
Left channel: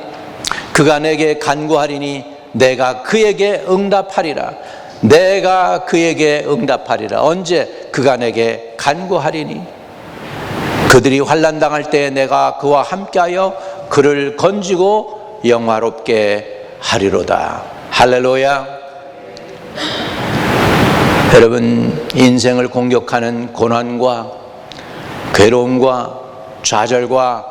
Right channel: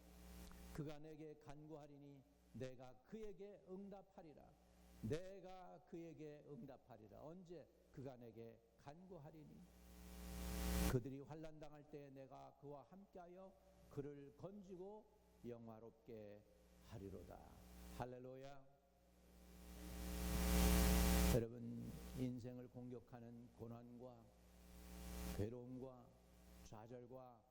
그가 내게 간구하리니 내가 그에게 응답하리라. 내가 그에게 응답하리라. 언제? 그가 내게 간구하리니. 그들이 환난당할 때 내가 그와 함께하여 그를 건지고 영화롭게 하리로다. 할렐루야. 여러분, 인생을 공격하는 고난과 괴로움과 좌절과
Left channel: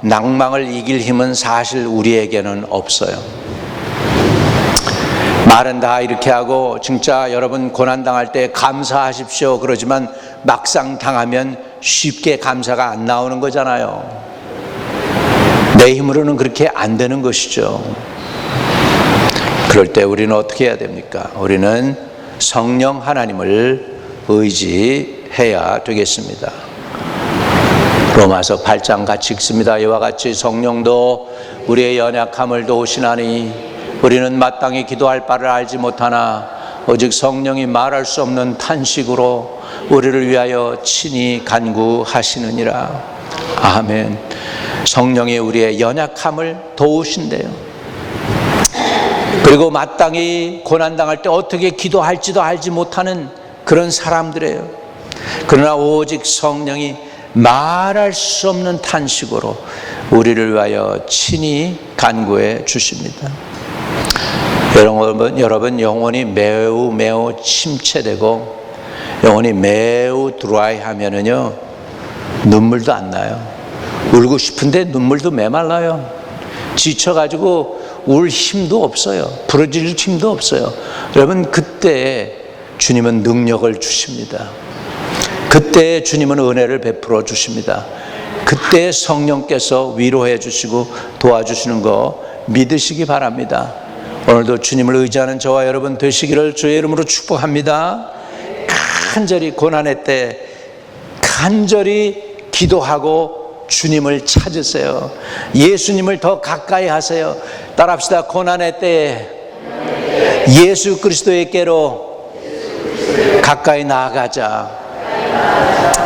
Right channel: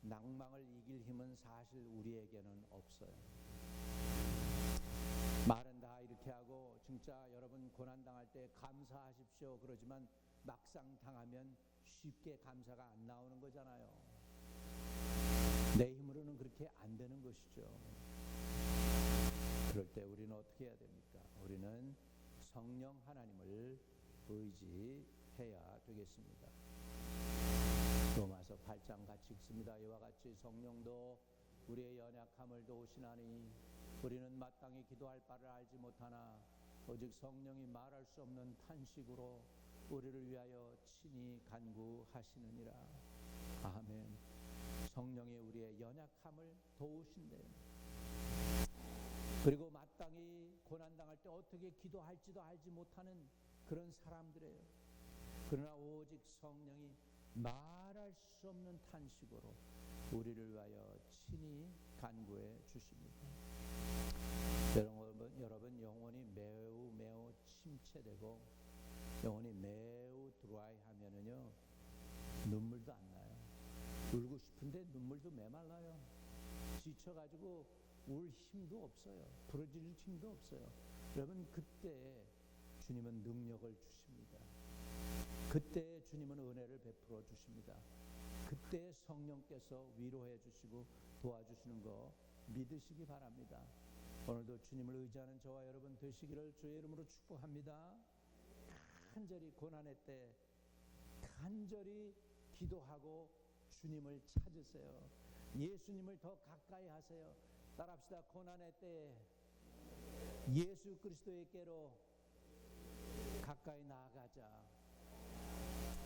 낭망을 이길 힘은 사실 우리에게는 없어요. 말은 다 이렇게 하고 진짜 여러분 고난당할 때 감사하십시오 그러지만 막상 당하면 쉽게 감사가 안 나오는 거잖아요. 내 힘으로는 그렇게 안 되는 것이죠. 그럴 때 우리는 어떻게 해야 됩니까? 우리는 성령 하나님을 의지해야 되겠습니다. 로마서 8장 같이 읽습니다. 이와 같이 성령도 우리의 연약함을 도우시나니 우리는 마땅히 기도할 바를 알지 못하나 오직 성령이 말할 수 없는 탄식으로 우리를 위하여 친히 간구하시느니라. 아멘. 성령이 우리의 연약함을 도우신대요. 그리고 마땅히 고난당할 때 어떻게 기도할지도 알지 못하는 그런 사람들이에요. 그러나 오직 성령이 말할 수 없는 탄식으로 우리를 위하여 친히 간구해 주십니다. 여러분 영혼이 매우 침체되고 영혼이 매우 드라이하면은요 눈물도 안 나요. 울고 싶은데 눈물도 메말라요. 지쳐가지고 울 힘도 없어요. 부러질 힘도 없어요. 여러분 그때 주님은 능력을 주십니다. 그때 주님은 은혜를 베풀어 주십니다. 그때 성령께서 위로해 주시고 도와주시는 거 믿으시기 바랍니다. 오늘도 주님을 의지하는 저와 여러분 되시기를 주의 이름으로 축복합니다. 간절히 고난의 때 간절히 기도하고 주님을 찾으세요. 예수님을 더 가까이 하세요. 따라합시다. 고난의 때에 예수 그리스도에게로 가까이 나아가자.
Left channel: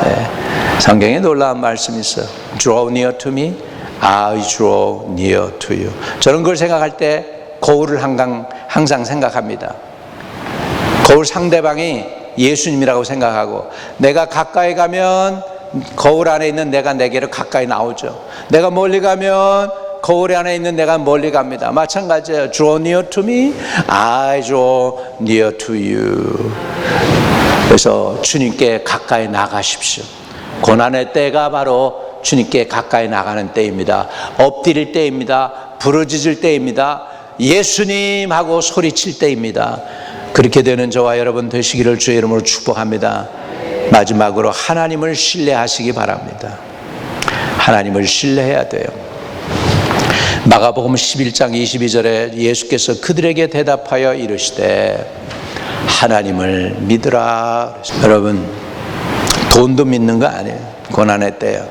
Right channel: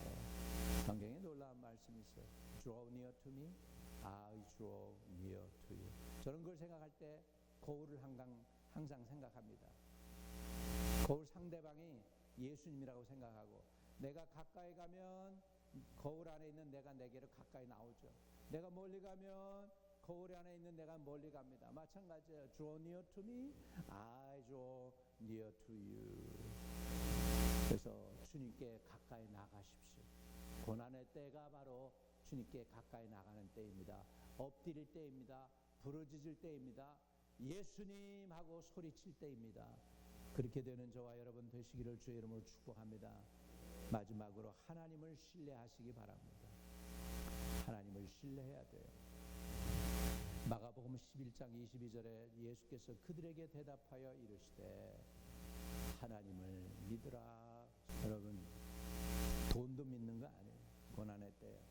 네. 성경에 놀라운 말씀이 있어요. Draw near to me, I draw near to you. 저는 그걸 생각할 때 거울을 항상 생각합니다. 거울 상대방이 예수님이라고 생각하고 내가 가까이 가면 거울 안에 있는 내가 내게로 가까이 나오죠. 내가 멀리 가면 거울 안에 있는 내가 멀리 갑니다. 마찬가지예요. Draw near to me, I draw near to you. 그래서 주님께 가까이 나가십시오. 고난의 때가 바로 주님께 가까이 나가는 때입니다. 엎드릴 때입니다. 부르짖을 때입니다. 예수님 하고 소리칠 때입니다. 그렇게 되는 저와 여러분 되시기를 주의 이름으로 축복합니다. 마지막으로 하나님을 신뢰하시기 바랍니다. 하나님을 신뢰해야 돼요. 마가복음 11장 22절에 예수께서 그들에게 대답하여 이르시되 하나님을 믿으라. 여러분 돈도 믿는 거 아니에요. 고난의 때요.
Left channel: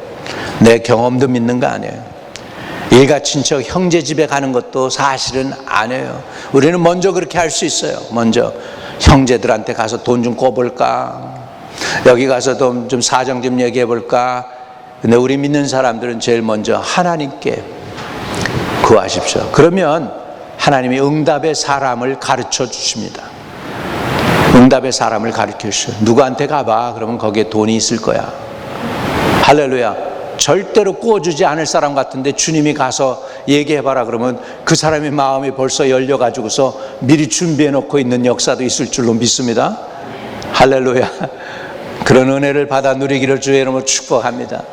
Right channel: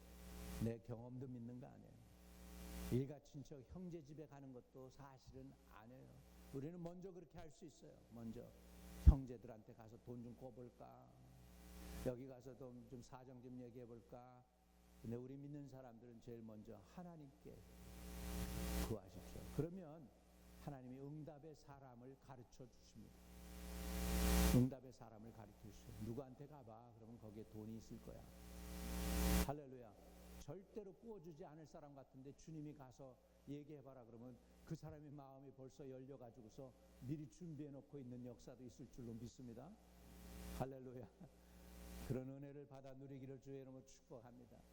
내 경험도 믿는 거 아니에요. 일가 친척 형제 집에 가는 것도 사실은 아니에요. 우리는 먼저 그렇게 할 수 있어요. 먼저 형제들한테 가서 돈 좀 꿔볼까, 여기 가서 좀 사정 좀 얘기해 볼까. 근데 우리 믿는 사람들은 제일 먼저 하나님께 구하십시오. 그러면 하나님이 응답의 사람을 가르쳐 주십니다. 응답의 사람을 가르쳐 주셔요. 누구한테 가봐. 그러면 거기에 돈이 있을 거야. 할렐루야. 절대로 구워주지 않을 사람 같은데 주님이 가서 얘기해봐라 그러면 그 사람의 마음이 벌써 열려가지고서 미리 준비해놓고 있는 역사도 있을 줄로 믿습니다. 할렐루야. 그런 은혜를 받아 누리기를 주의 이름으로 축복합니다.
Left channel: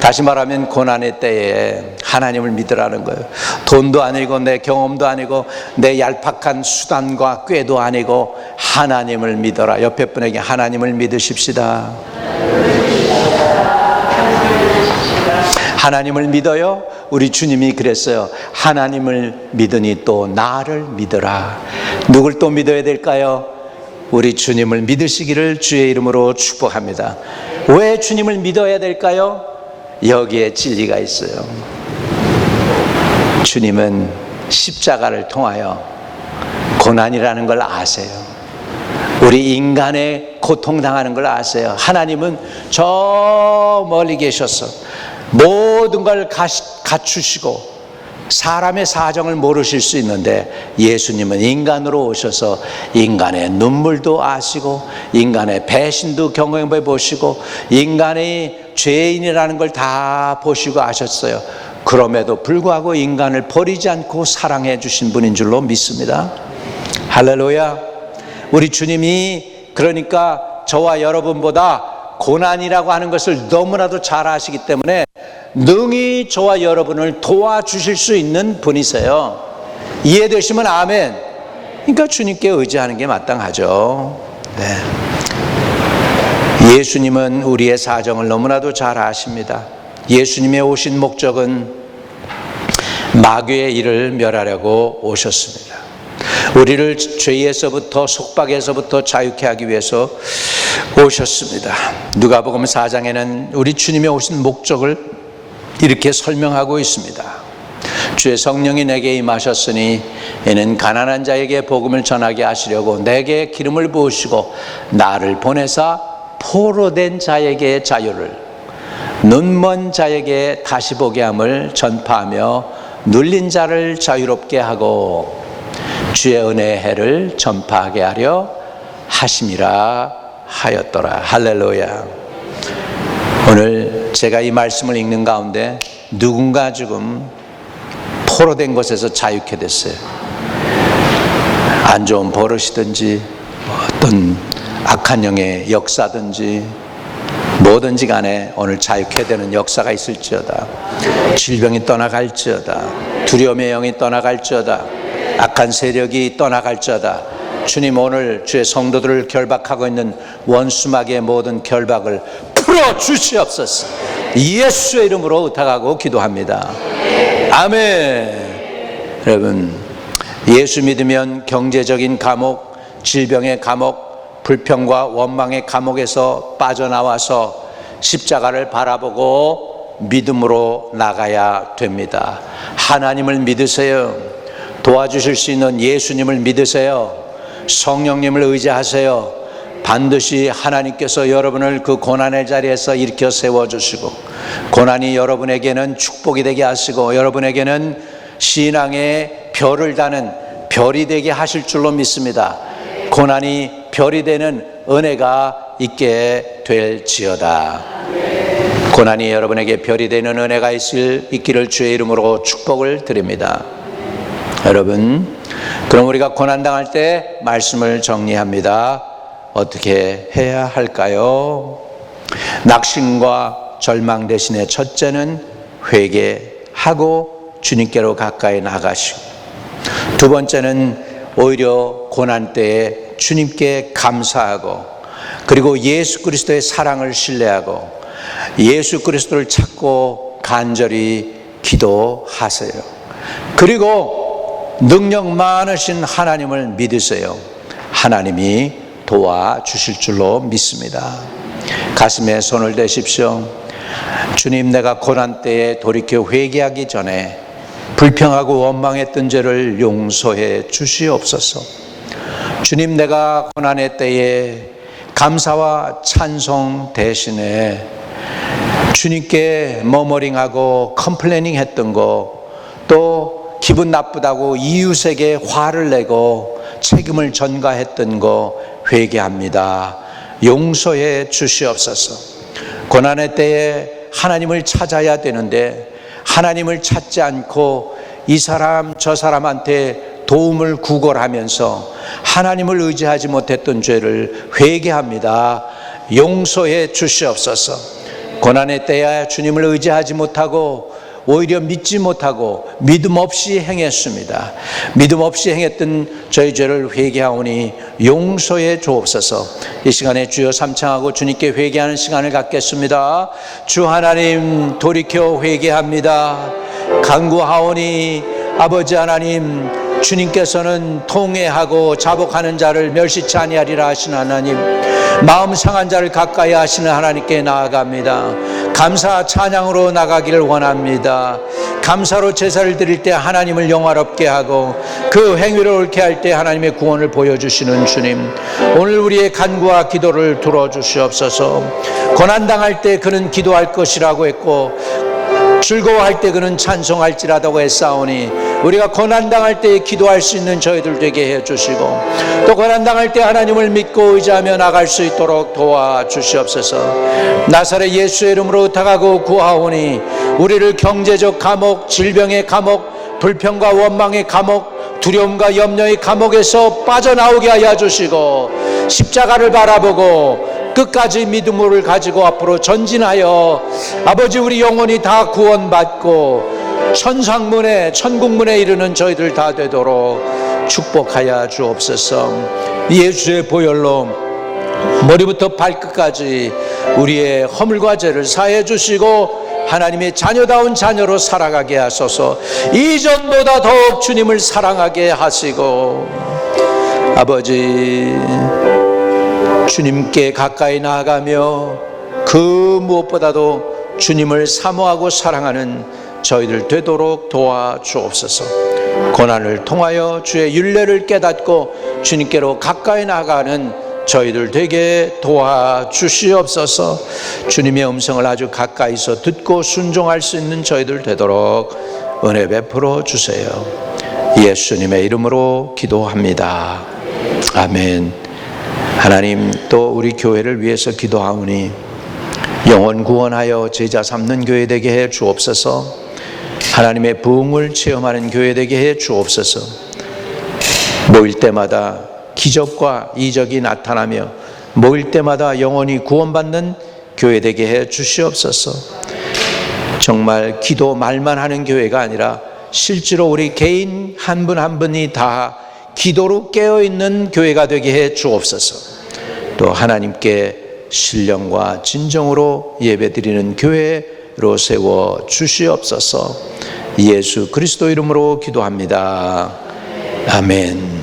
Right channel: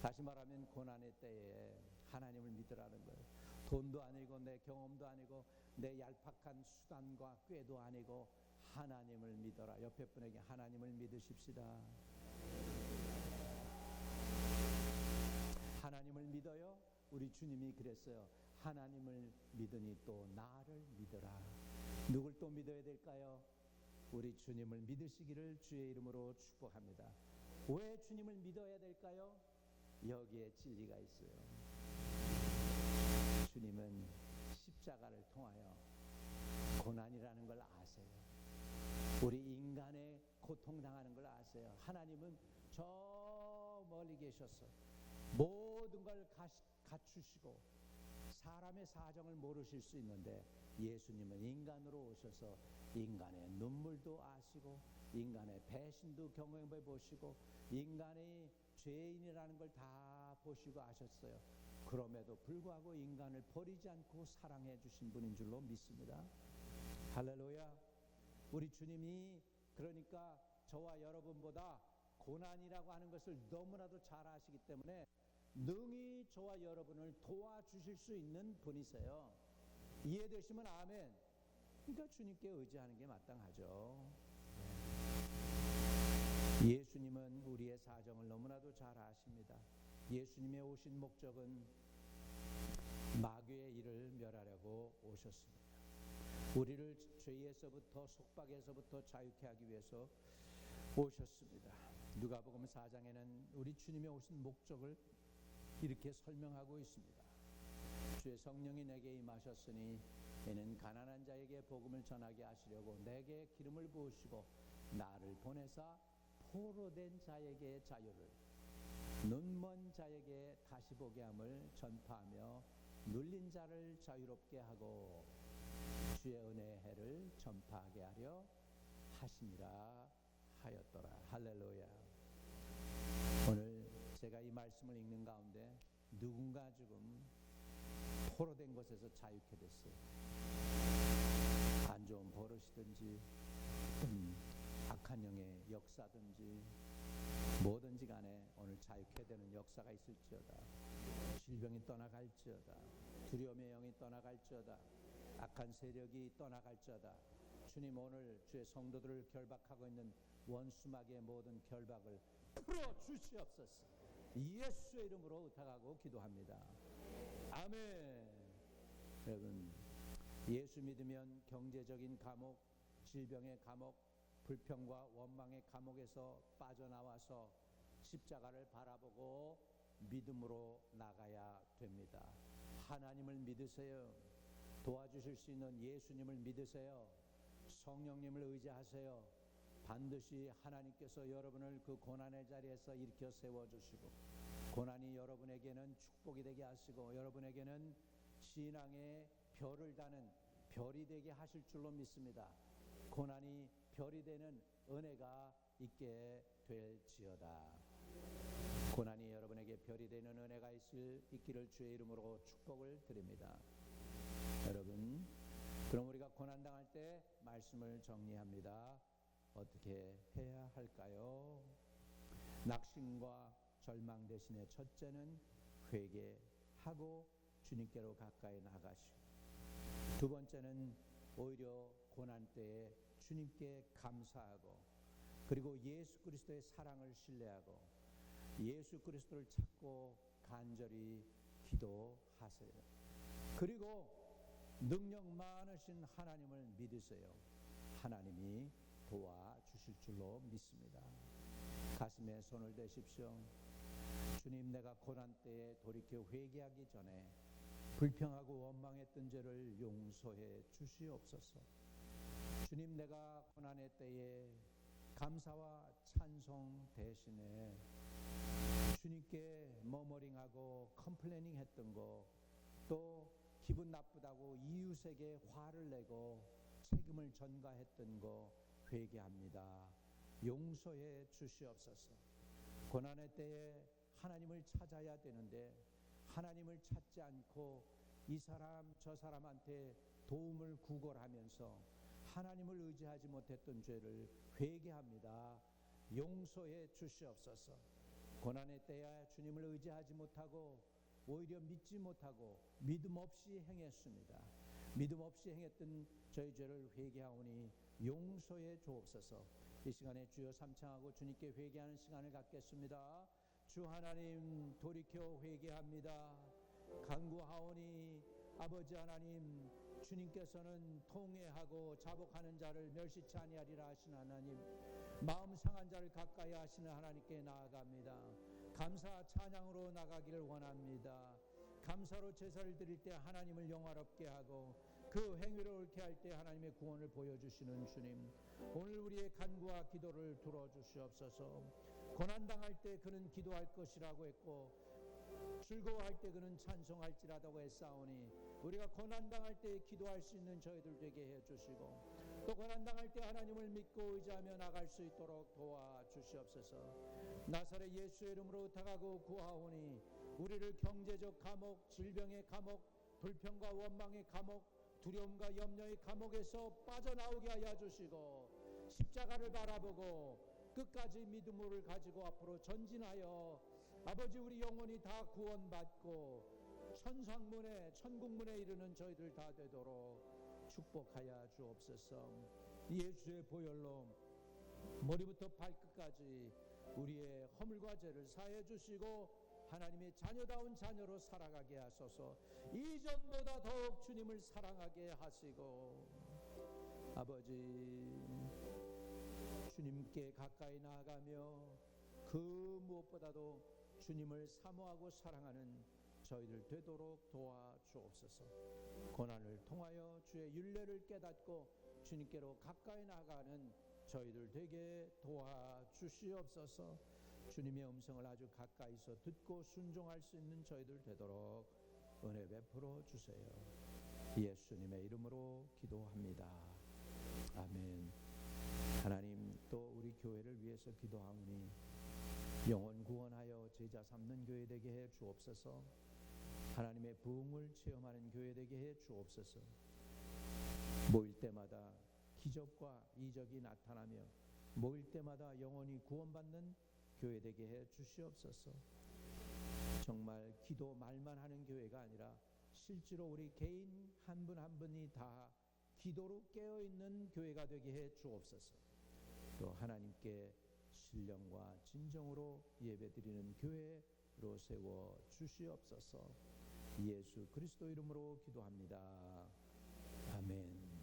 다시 말하면 고난의 때에 하나님을 믿으라는 거예요. 돈도 아니고 내 경험도 아니고 내 얄팍한 수단과 꾀도 아니고 하나님을 믿어라. 옆에 분에게 하나님을 믿으십시다. 하나님을 믿어요? 우리 주님이 그랬어요. 하나님을 믿으니 또 나를 믿어라. 누굴 또 믿어야 될까요? 우리 주님을 믿으시기를 주의 이름으로 축복합니다. 왜 주님을 믿어야 될까요? 여기에 진리가 있어요. 주님은 십자가를 통하여 고난이라는 걸 아세요. 우리 인간의 고통당하는 걸 아세요. 하나님은 저 멀리 계셔서 모든 걸 갖추시고 사람의 사정을 모르실 수 있는데 예수님은 인간으로 오셔서 인간의 눈물도 아시고 인간의 배신도 경험해 보시고 인간의 죄인이라는 걸 다 보시고 아셨어요. 그럼에도 불구하고 인간을 버리지 않고 사랑해 주신 분인 줄로 믿습니다. 할렐루야. 우리 주님이 그러니까 저와 여러분보다 고난이라고 하는 것을 너무나도 잘 아시기 때문에 능히 저와 여러분을 도와주실 수 있는 분이세요. 이해되시면 아멘. 그러니까 주님께 의지하는 게 마땅하죠. 네. 예수님은 우리의 사정을 너무나도 잘 아십니다. 예수님의 오신 목적은 마귀의 일을 멸하려고 오셨습니다. 우리를 죄에서부터 속박에서부터 자유케 하기 위해서 오셨습니다. 누가복음 4장에는 우리 주님의 오신 목적을 이렇게 설명하고 있습니다. 주의 성령이 내게 임하셨으니 이는 가난한 자에게 복음을 전하게 하시려고 내게 기름을 부으시고 나를 보내사 포로된 자에게 자유를, 눈먼 자에게 다시 보게 함을 전파하며 눌린 자를 자유롭게 하고 주의 은혜의 해를 전파하게 하려 하심이라 하였더라. 할렐루야. 오늘 제가 이 말씀을 읽는 가운데 누군가 지금 포로된 것에서 자유케 됐어요. 안 좋은 버릇이든지 어떤 악한 영의 역사든지 뭐든지 간에 오늘 자유케 되는 역사가 있을지어다. 질병이 떠나갈지어다. 두려움의 영이 떠나갈지어다. 악한 세력이 떠나갈지어다. 주님, 오늘 주의 성도들을 결박하고 있는 원수마귀의 모든 결박을 풀어주시옵소서. 예수의 이름으로 의탁하고 기도합니다. 아멘. 여러분, 예수 믿으면 경제적인 감옥, 질병의 감옥, 불평과 원망의 감옥에서 빠져나와서 십자가를 바라보고 믿음으로 나가야 됩니다. 하나님을 믿으세요. 도와주실 수 있는 예수님을 믿으세요. 성령님을 의지하세요. 반드시 하나님께서 여러분을 그 고난의 자리에서 일으켜 세워주시고 고난이 여러분에게는 축복이 되게 하시고 여러분에게는 신앙의 별을 다는 별이 되게 하실 줄로 믿습니다. 고난이 별이 되는 은혜가 있게 될지어다. 고난이 여러분에게 별이 되는 은혜가 있기를 주의 이름으로 축복을 드립니다. 여러분, 그럼 우리가 고난당할 때 말씀을 정리합니다. 어떻게 해야 할까요? 낙심과 절망 대신에 첫째는 회개하고 주님께로 가까이 나가시고, 두 번째는 오히려 고난 때에 주님께 감사하고, 그리고 예수 그리스도의 사랑을 신뢰하고 예수 그리스도를 찾고 간절히 기도하세요. 그리고 능력 많으신 하나님을 믿으세요. 하나님이 도와주실 줄로 믿습니다. 가슴에 손을 대십시오. 주님, 내가 고난 때에 돌이켜 회개하기 전에 불평하고 원망했던 죄를 용서해 주시옵소서. 주님, 내가 고난의 때에 감사와 찬송 대신에 주님께 머머링하고 컴플레이닝 했던 거, 또 기분 나쁘다고 이웃에게 화를 내고 책임을 전가했던 거 회개합니다. 용서해 주시옵소서. 고난의 때에 하나님을 찾아야 되는데 하나님을 찾지 않고 이 사람 저 사람한테 도움을 구걸하면서 하나님을 의지하지 못했던 죄를 회개합니다. 용서해 주시옵소서. 고난의 때에 주님을 의지하지 못하고 오히려 믿지 못하고 믿음 없이 행했습니다. 믿음 없이 행했던 저희 죄를 회개하오니 용서해 주옵소서. 이 시간에 주여 삼창하고 주님께 회개하는 시간을 갖겠습니다. 주 하나님, 돌이켜 회개합니다. 간구하오니 아버지 하나님, 주님께서는 통회하고 자복하는 자를 멸시치 아니하리라 하시는 하나님, 마음 상한 자를 가까이 하시는 하나님께 나아갑니다. 감사 찬양으로 나가기를 원합니다. 감사로 제사를 드릴 때 하나님을 영화롭게 하고 그 행위를 옳게 할 때 하나님의 구원을 보여주시는 주님, 오늘 우리의 간구와 기도를 들어주시옵소서. 고난당할 때 그는 기도할 것이라고 했고 즐거워할 때 그는 찬송할지라도 했사오니 우리가 고난당할 때 기도할 수 있는 저희들 되게 해주시고 또 고난당할 때 하나님을 믿고 의지하며 나갈 수 있도록 도와주시옵소서. 나사렛 예수의 이름으로 의탁하고 구하오니 우리를 경제적 감옥, 질병의 감옥, 불평과 원망의 감옥, 두려움과 염려의 감옥에서 빠져나오게 하여 주시고 십자가를 바라보고 끝까지 믿음을 가지고 앞으로 전진하여 아버지 우리 영혼이 다 구원받고 천상문에 천국문에 이르는 저희들 다 되도록 축복하여 주옵소서. 예수의 보혈로 머리부터 발끝까지 우리의 허물과 죄를 사해 주시고 하나님의 자녀다운 자녀로 살아가게 하소서. 이전보다 더욱 주님을 사랑하게 하시고 아버지 주님께 가까이 나아가며 그 무엇보다도 주님을 사모하고 사랑하는 저희들 되도록 도와주옵소서. 고난을 통하여 주의 율례를 깨닫고 주님께로 가까이 나가는 저희들 되게 도와주시옵소서. 주님의 음성을 아주 가까이서 듣고 순종할 수 있는 저희들 되도록 은혜 베풀어 주세요. 예수님의 이름으로 기도합니다. 아멘. 하나님, 또 우리 교회를 위해서 기도하오니 영혼 구원하여 제자 삼는 교회 되게 해 주옵소서. 하나님의 부흥을 체험하는 교회 되게 해 주옵소서. 모일 때마다 기적과 이적이 나타나며 모일 때마다 영혼이 구원받는 교회 되게 해 주시옵소서. 정말 기도 말만 하는 교회가 아니라 실제로 우리 개인 한 분 한 분이 다 기도로 깨어있는 교회가 되게 해 주옵소서. 또 하나님께 신령과 진정으로 예배드리는 교회로 세워 주시옵소서. 예수 그리스도 이름으로 기도합니다. 아멘.